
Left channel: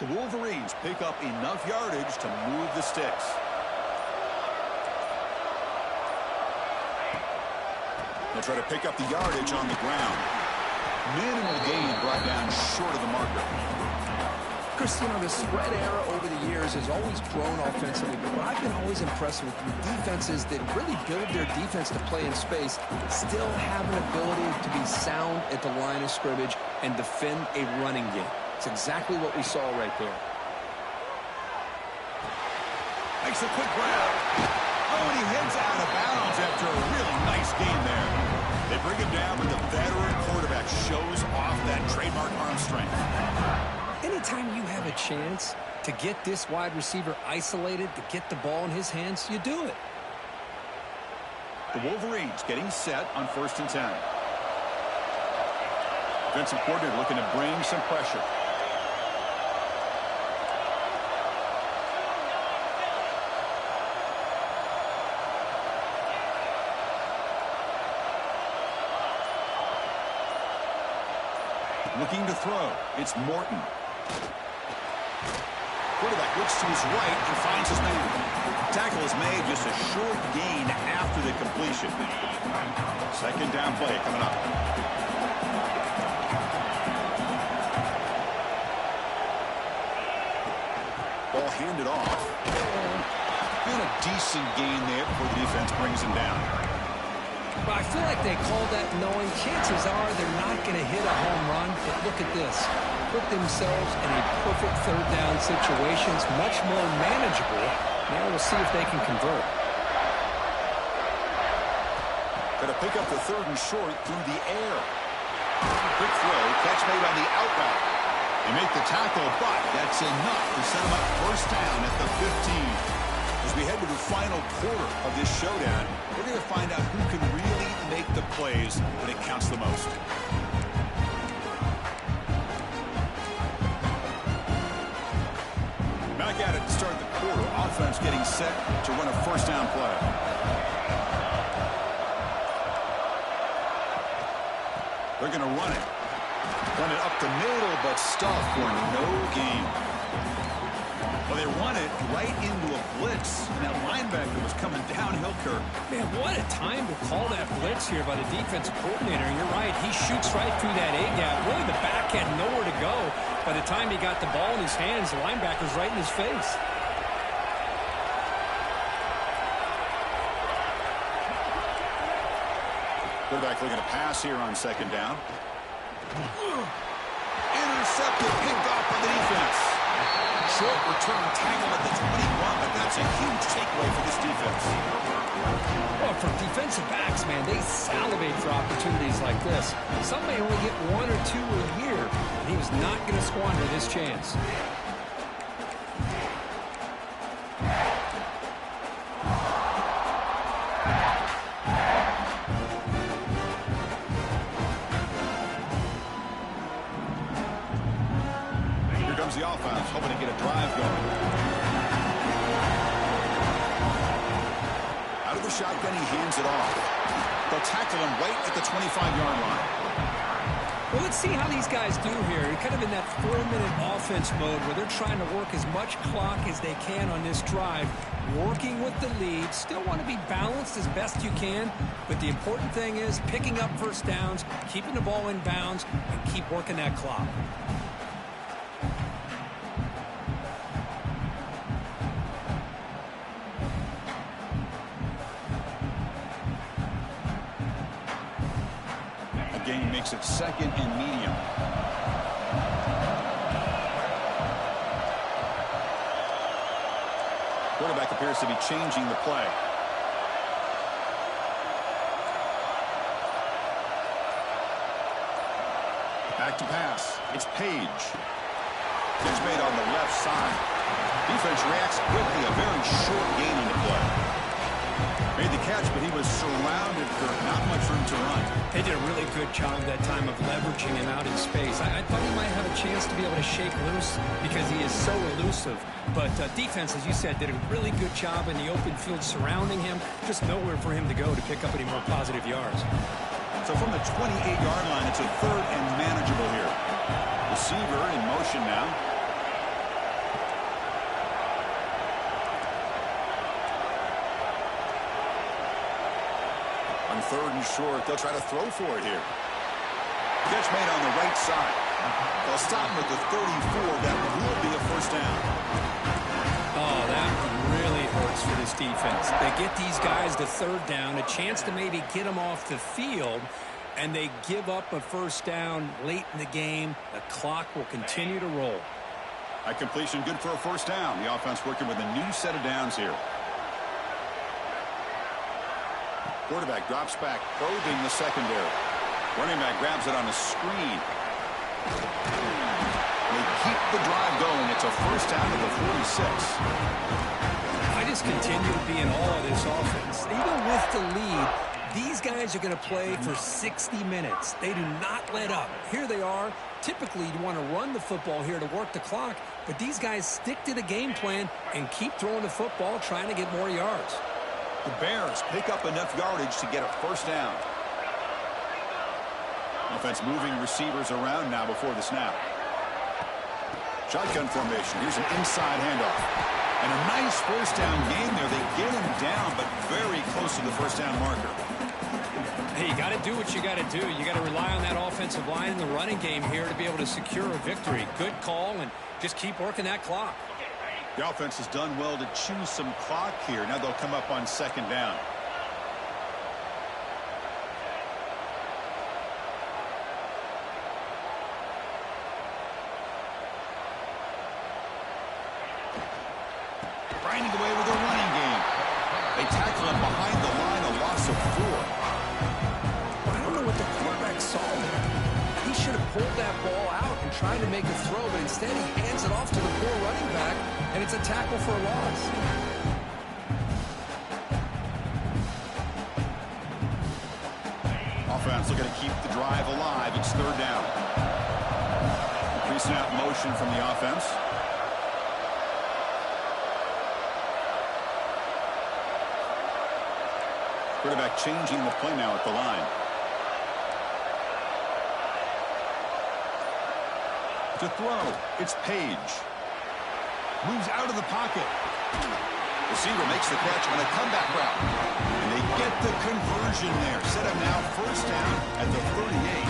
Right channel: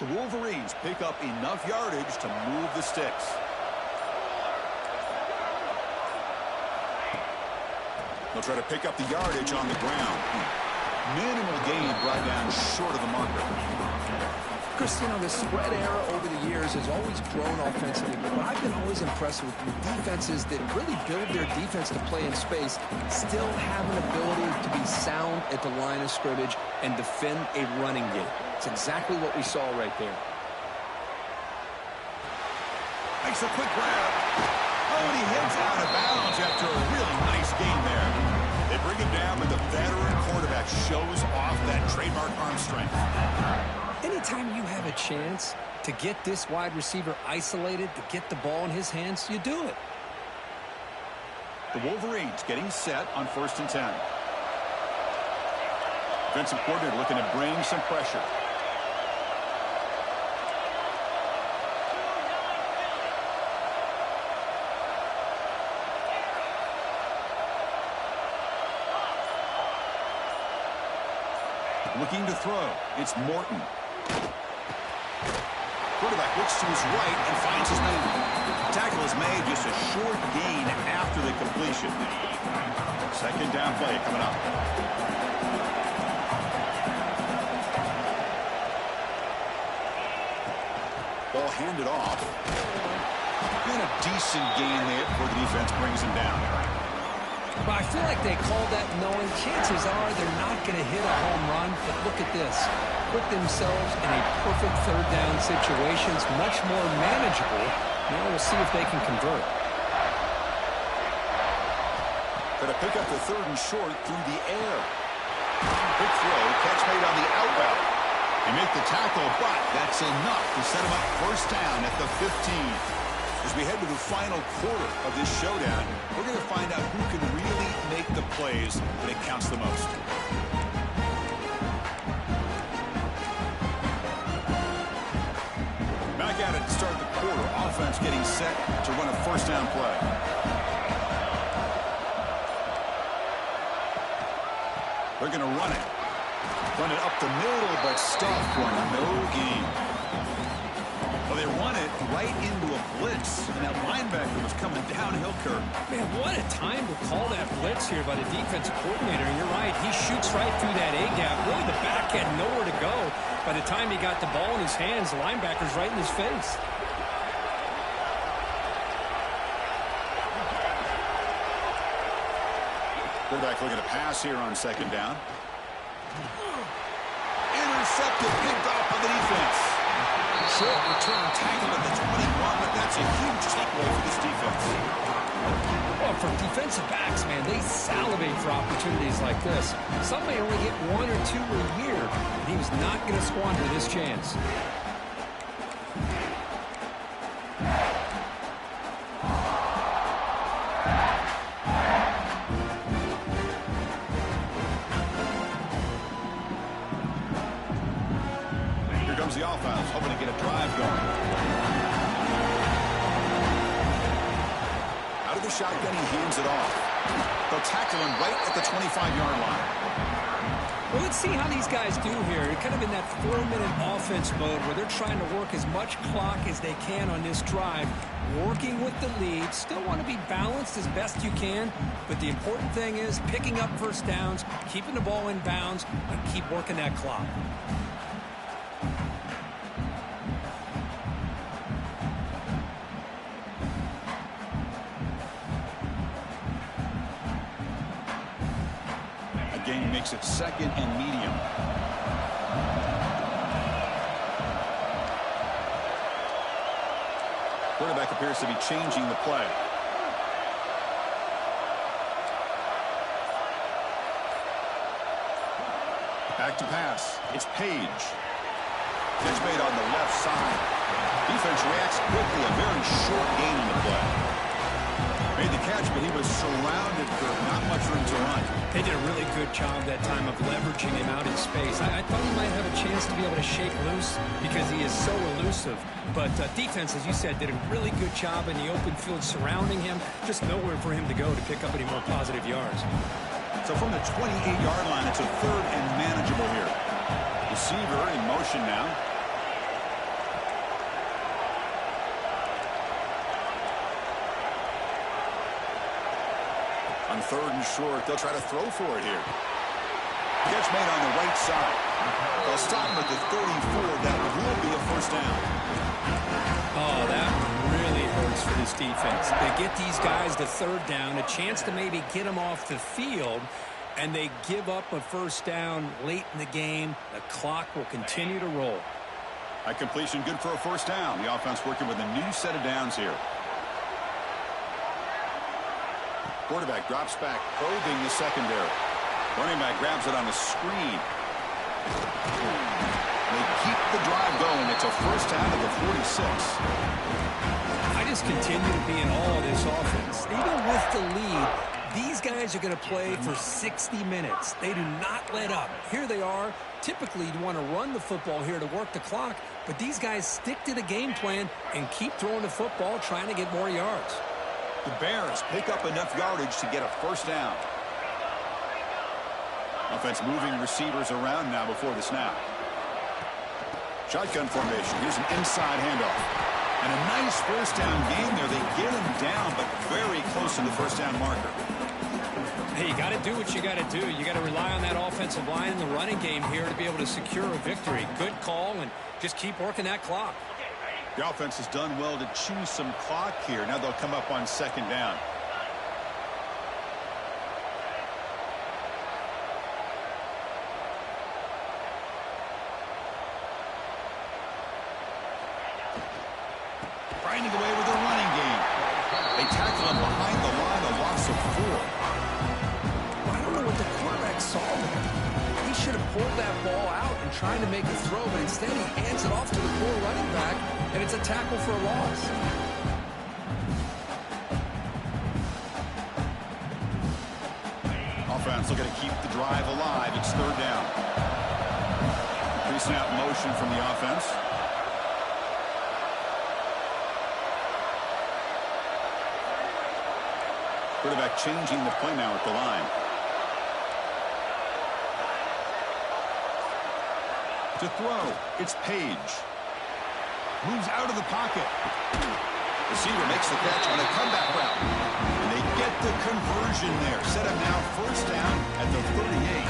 The Wolverines pick up enough yardage to move the sticks. They'll try to pick up the yardage on the ground. Minimal gain brought down short of the marker. Chris, you know, the spread era over the years has always grown offensively, but I've been always impressed with defenses that really build their defense to play in space, still have an ability to be sound at the line of scrimmage and defend a running game. It's exactly what we saw right there. Makes a quick grab. Oh, and he heads out of bounds after a really nice gain there. They bring him down, but the veteran quarterback shows off that trademark arm strength. Anytime you have a chance to get this wide receiver isolated, to get the ball in his hands, you do it. The Wolverines getting set on 1st and 10. Defensive coordinator looking to bring some pressure. Looking to throw. It's Morton. Quarterback looks to his right and finds his man. Tackle is made, just a short gain after the completion. 2nd down play coming up. Ball handed off. And a decent gain there before the defense brings him down. But I feel like they called that knowing chances are they're not going to hit a home run. But look at this. Put themselves in a perfect 3rd down situation. It's much more manageable. Now we'll see if they can convert. Going to pick up the 3rd and short through the air. Quick throw. Catch made on the out route. They make the tackle, but that's enough to set them up 1st down at the 15. As we head to the final quarter of this showdown, we're going to find out who can really make the plays when it counts the most. Back at it to start the quarter. Offense getting set to run a 1st down play. They're going to run it. Run it up the middle, but stuffed for no gain. Well, they run it right into a blitz, and that linebacker was coming downhill, Kirk. Man, what a time to call that blitz here by the defensive coordinator. And you're right, he shoots right through that A-gap. Really, the back had nowhere to go. By the time he got the ball in his hands, the linebacker's right in his face. Quarterback looking to pass here on 2nd down. Intercepted, picked off by the defense. Short return tackle at the 21, but that's a huge takeaway for this defense. Well, for defensive backs, man, they salivate for opportunities like this. Some may only get 1 or 2 a year, and he was not going to squander this chance. The offense hoping to get a drive going. Out of the shotgun, he hands it off. They'll tackle him right at the 25-yard line. Well, let's see how these guys do here. They're kind of in that 4-minute offense mode where they're trying to work as much clock as they can on this drive, working with the lead. Still want to be balanced as best you can, but the important thing is picking up 1st downs, keeping the ball in bounds, and keep working that clock. Game makes it 2nd and medium. Quarterback appears to be changing the play. Back to pass. It's Page. Catch made on the left side. Defense reacts quickly. A very short gain on the play. Made the catch, but he was surrounded for not much room to run. They did a really good job that time of leveraging him out in space. I thought he might have a chance to be able to shake loose because he is so elusive. But defense, as you said, did a really good job in the open field surrounding him. Just nowhere for him to go to pick up any more positive yards. So from the 28-yard line, it's a 3rd and manageable here. Receiver in motion now. On 3rd and short, they'll try to throw for it here. Catch made on the right side. They'll stop him at the 34. That will be a first down. Oh, that one really hurts for this defense. They get these guys to 3rd down, a chance to maybe get them off the field, and they give up a first down late in the game. The clock will continue to roll. A completion good for a first down. The offense working with a new set of downs here. Quarterback drops back, probing the secondary. Running back grabs it on a screen. They keep the drive going. It's a first down to the 46. I just continue to be in awe of this offense. Even with the lead, these guys are going to play for 60 minutes. They do not let up. Here they are. Typically, you want to run the football here to work the clock, but these guys stick to the game plan and keep throwing the football, trying to get more yards. The Bears pick up enough yardage to get a first down. Offense moving receivers around now before the snap. Shotgun formation. Here's an inside handoff. And a nice first down game there. They get him down, but very close to the first down marker. Hey, you got to do what you got to do. You got to rely on that offensive line in the running game here to be able to secure a victory. Good call, and just keep working that clock. The offense has done well to chew some clock here. Now they'll come up on 2nd down. Grinding away with a running game. They tackle him behind the line, a loss of 4. I don't know what the quarterback saw there. He should have pulled that ball out and tried to make a throw, but instead he hands it off to the poor running back, and it's a tackle for a loss. Offense looking to keep the drive alive. It's 3rd down. Pre-snap motion from the offense. Quarterback changing the play now at the line. To throw, it's Page. Moves out of the pocket. Receiver makes the catch on a comeback route. And they get the conversion there. Set him now first down at the 38.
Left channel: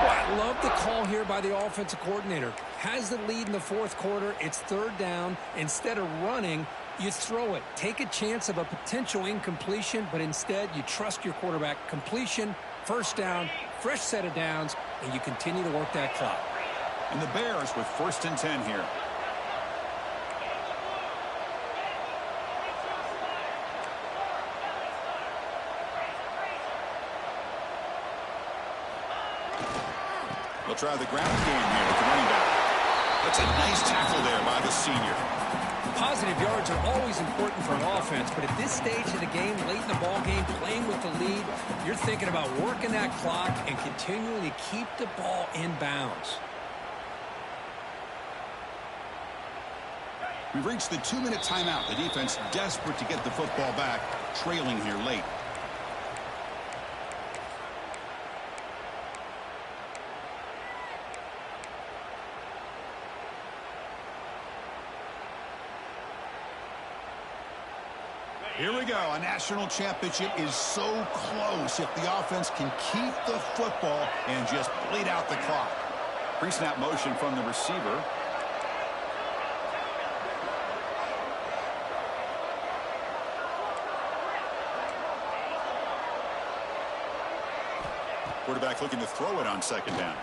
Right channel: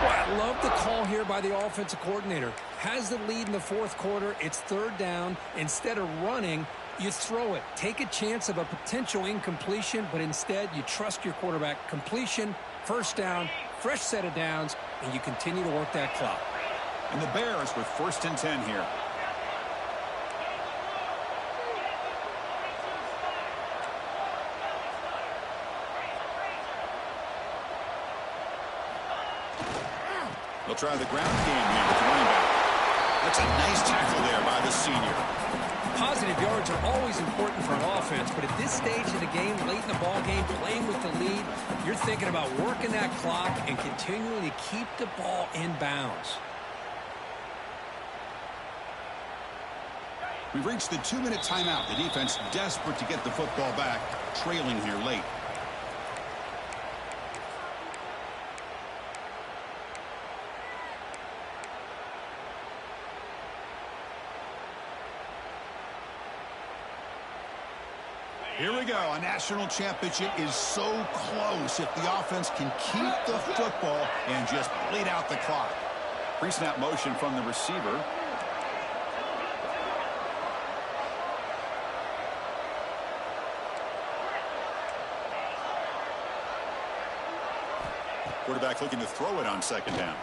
Well, I love the call here by the offensive coordinator. Has the lead in the 4th quarter. It's 3rd down. Instead of running, you throw it. Take a chance of a potential incompletion, but instead you trust your quarterback. Completion, first down, fresh set of downs, and you continue to work that clock. And the Bears with 1st and 10 here. They'll try the ground game here with the running back. That's a nice tackle there by the senior. Positive yards are always important for an offense, but at this stage of the game, late in the ball game, playing with the lead, you're thinking about working that clock and continuing to keep the ball in bounds. We've reached the 2-minute timeout. The defense desperate to get the football back, trailing here late. Here we go. A national championship is so close if the offense can keep the football and just bleed out the clock. Pre-snap motion from the receiver. Quarterback looking to throw it on 2nd down.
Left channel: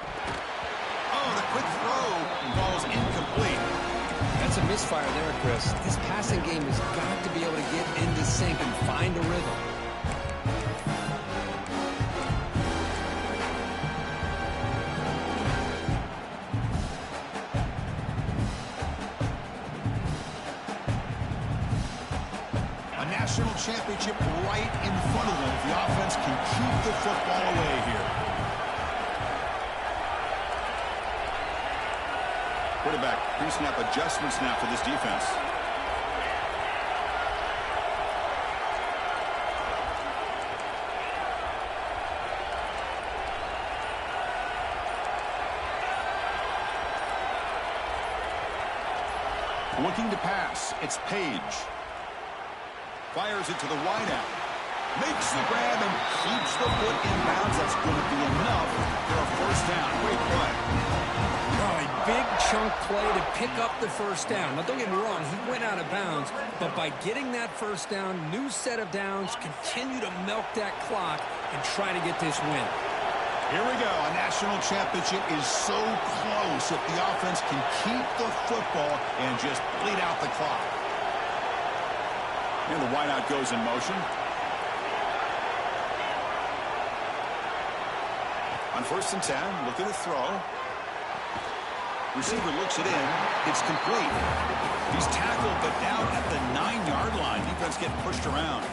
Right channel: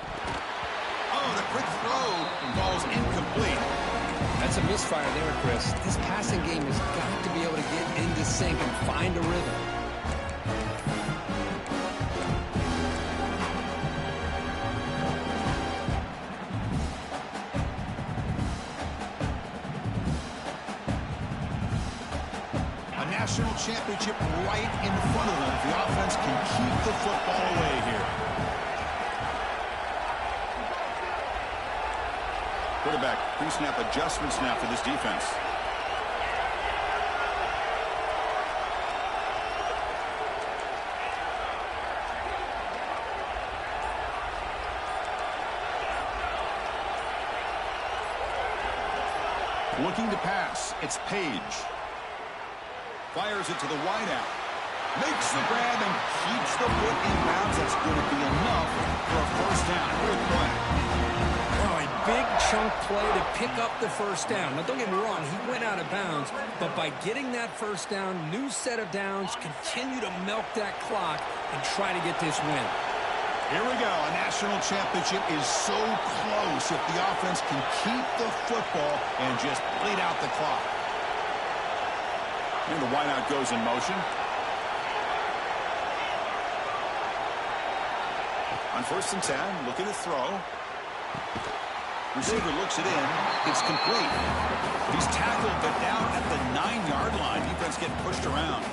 Oh, the quick throw falls incomplete. That's a misfire there, Chris. This passing game has got to be able to get into sync and find a rhythm. A national championship right in front of them if the offense can keep the football away here. Quarterback pre-snap adjustments now for this defense. Looking to pass. It's Page. Fires it to the wideout. Makes the grab and keeps the foot in bounds. That's going to be enough for a first down. Great play. Oh, a big chunk play to pick up the first down. Now, don't get me wrong, he went out of bounds, but by getting that first down, new set of downs, continue to milk that clock and try to get this win. Here we go. A national championship is so close if the offense can keep the football and just bleed out the clock. And the wideout goes in motion. On 1st and 10, looking to throw. Receiver looks it in. It's complete. He's tackled, but down at the 9-yard line. Defense getting pushed around.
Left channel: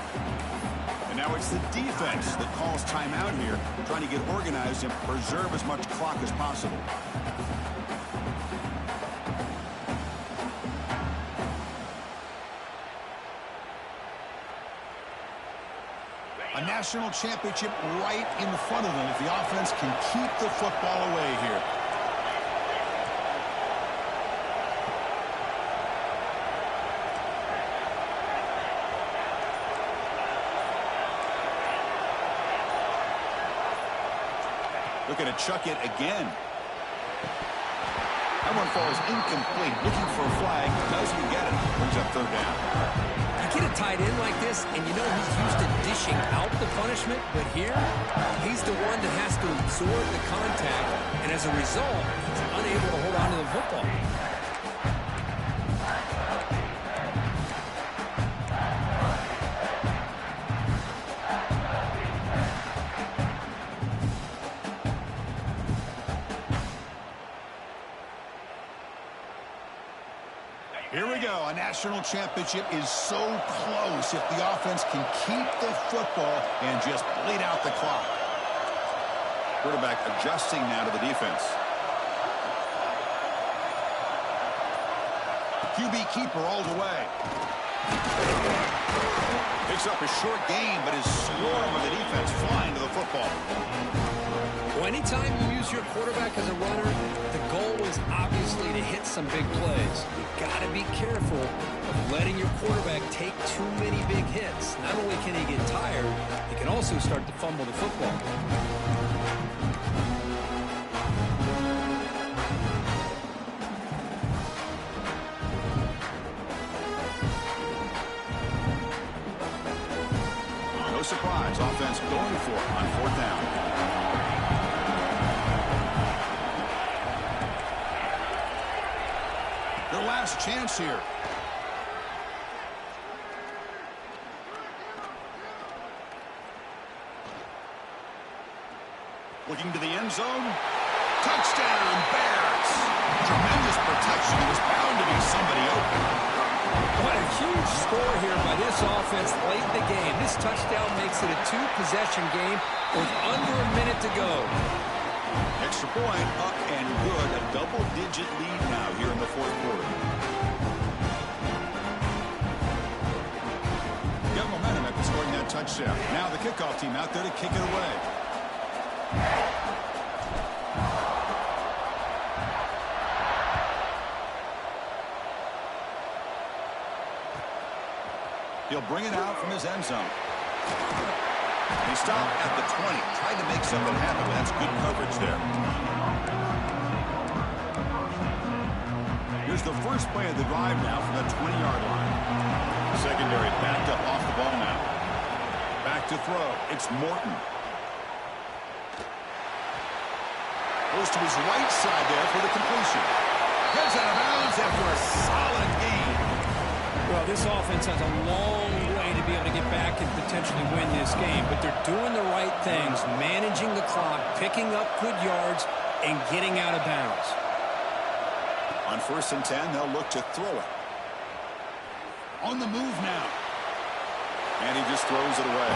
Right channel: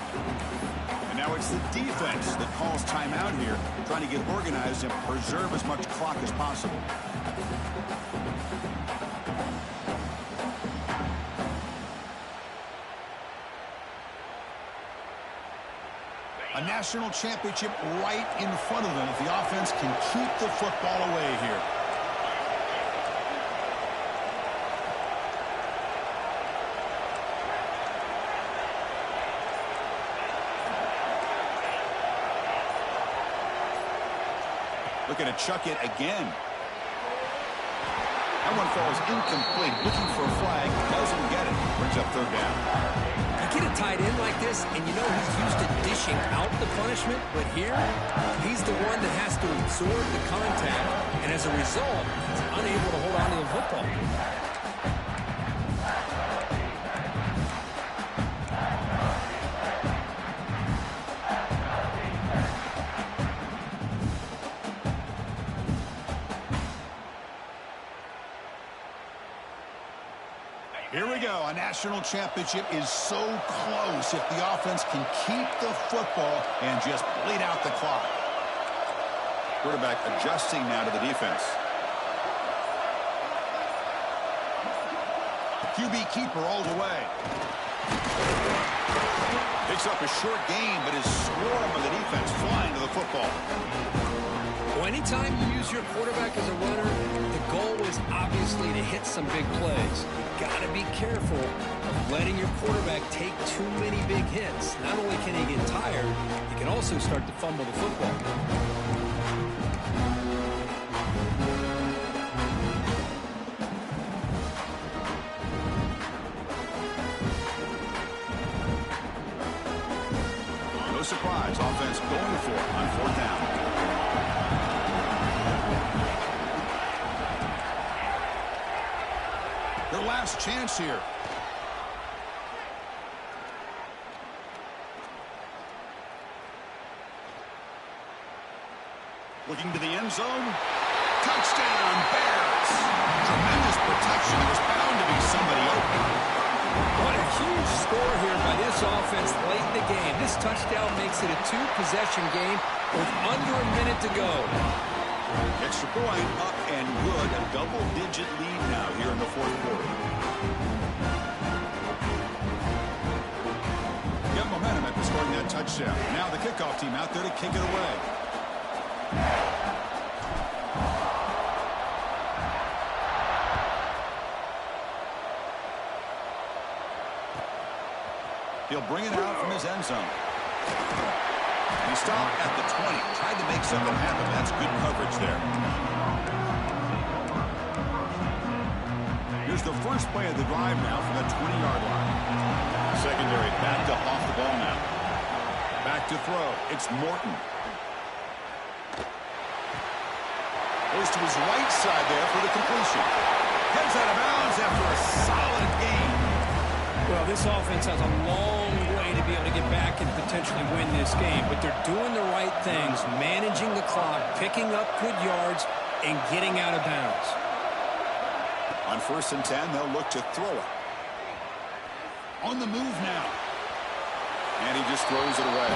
And now it's the defense that calls timeout here, trying to get organized and preserve as much clock as possible. A national championship right in front of them if the offense can keep the football away here. Looking to chuck it again. That one falls incomplete. Looking for a flag. Doesn't get it. Brings up 3rd down. You get a tight end like this, and you know he's used to dishing out the punishment, but here, he's the one that has to absorb the contact, and as a result, he's unable to hold on to the football. Here we go. A national championship is so close if the offense can keep the football and just bleed out the clock. Quarterback adjusting now to the defense. QB keeper all the way. Picks up a short gain, but his swarm of the defense flying to the football. Well, anytime you use your quarterback as a runner, the goal is obviously to hit some big plays. You've got to be careful of letting your quarterback take too many big hits. Not only can he get tired, he can also start to fumble the football. No surprise, offense going for it on 4th down. Their last chance here. Looking to the end zone. Touchdown, Bears. Tremendous protection. There was bound to be somebody open. What a huge score here by this offense late in the game. This touchdown makes it a 2-possession game with under a minute to go. Extra point up and good. A double-digit lead now here in the 4th quarter. Got momentum after scoring that touchdown. Now the kickoff team out there to kick it away. He'll bring it out from his end zone. He stopped at the 20. Tried to make something happen. That's good coverage there. Here's the first play of the drive now from the 20-yard line. Secondary backed up off the ball now. Back to throw. It's Morton. Goes to his right side there for the completion. Heads out of bounds after a solid gain. Well, this offense has a long way to be able to get back and potentially win this game, but they're doing the right things, managing the clock, picking up good yards, and getting out of bounds. On 1st and 10, they'll look to throw it. On the move now. And he just throws it away.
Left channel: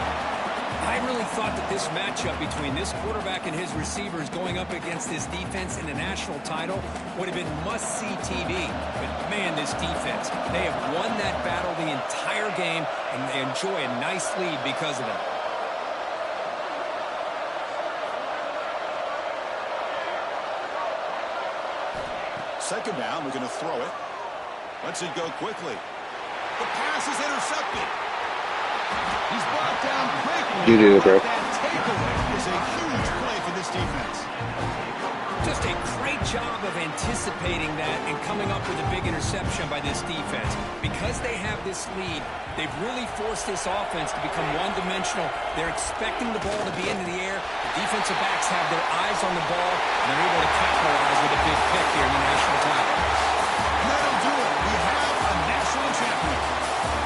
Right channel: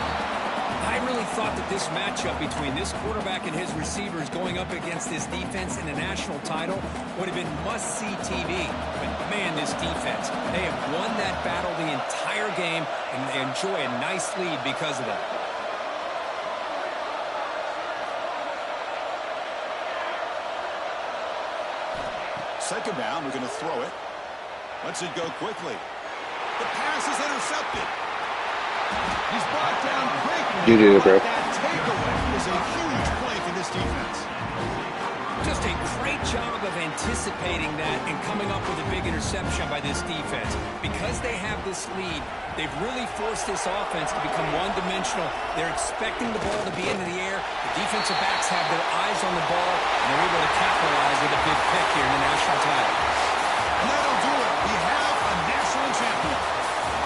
I really thought that this matchup between this quarterback and his receivers going up against this defense in the national title would have been must-see TV. But, man, this defense, they have won that battle the entire game, and they enjoy a nice lead because of that. Second down, we're going to throw it. Lets it go quickly. The pass is intercepted. He's brought down quickly. You did it, bro. That takeaway is a huge play for this defense. Just a great job of anticipating that and coming up with a big interception by this defense. Because they have this lead, they've really forced this offense to become one-dimensional. They're expecting the ball to be into the air. The defensive backs have their eyes on the ball, and they're able to capitalize with a big pick here in the national title. And that'll do it. We have a national champion.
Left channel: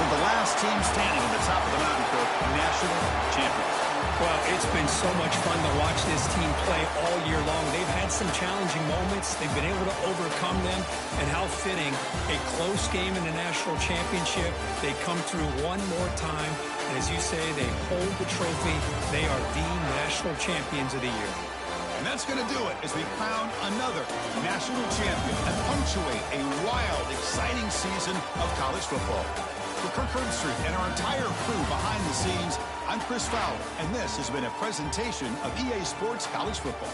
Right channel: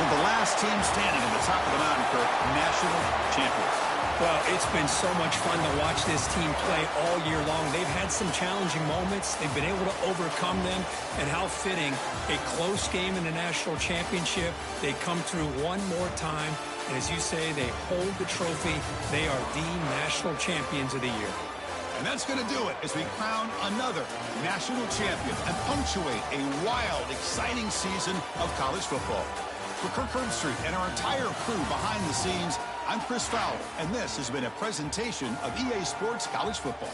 With the last team standing at the top of the mountain, Kirk, national champions. Well, it's been so much fun to watch this team play all year long. They've had some challenging moments. They've been able to overcome them. And how fitting, a close game in the national championship. They come through one more time. And as you say, they hold the trophy. They are the national champions of the year. And that's going to do it as we crown another national champion and punctuate a wild, exciting season of college football. For Kirk Herbstreit and our entire crew behind the scenes, I'm Chris Fowler, and this has been a presentation of EA Sports College Football.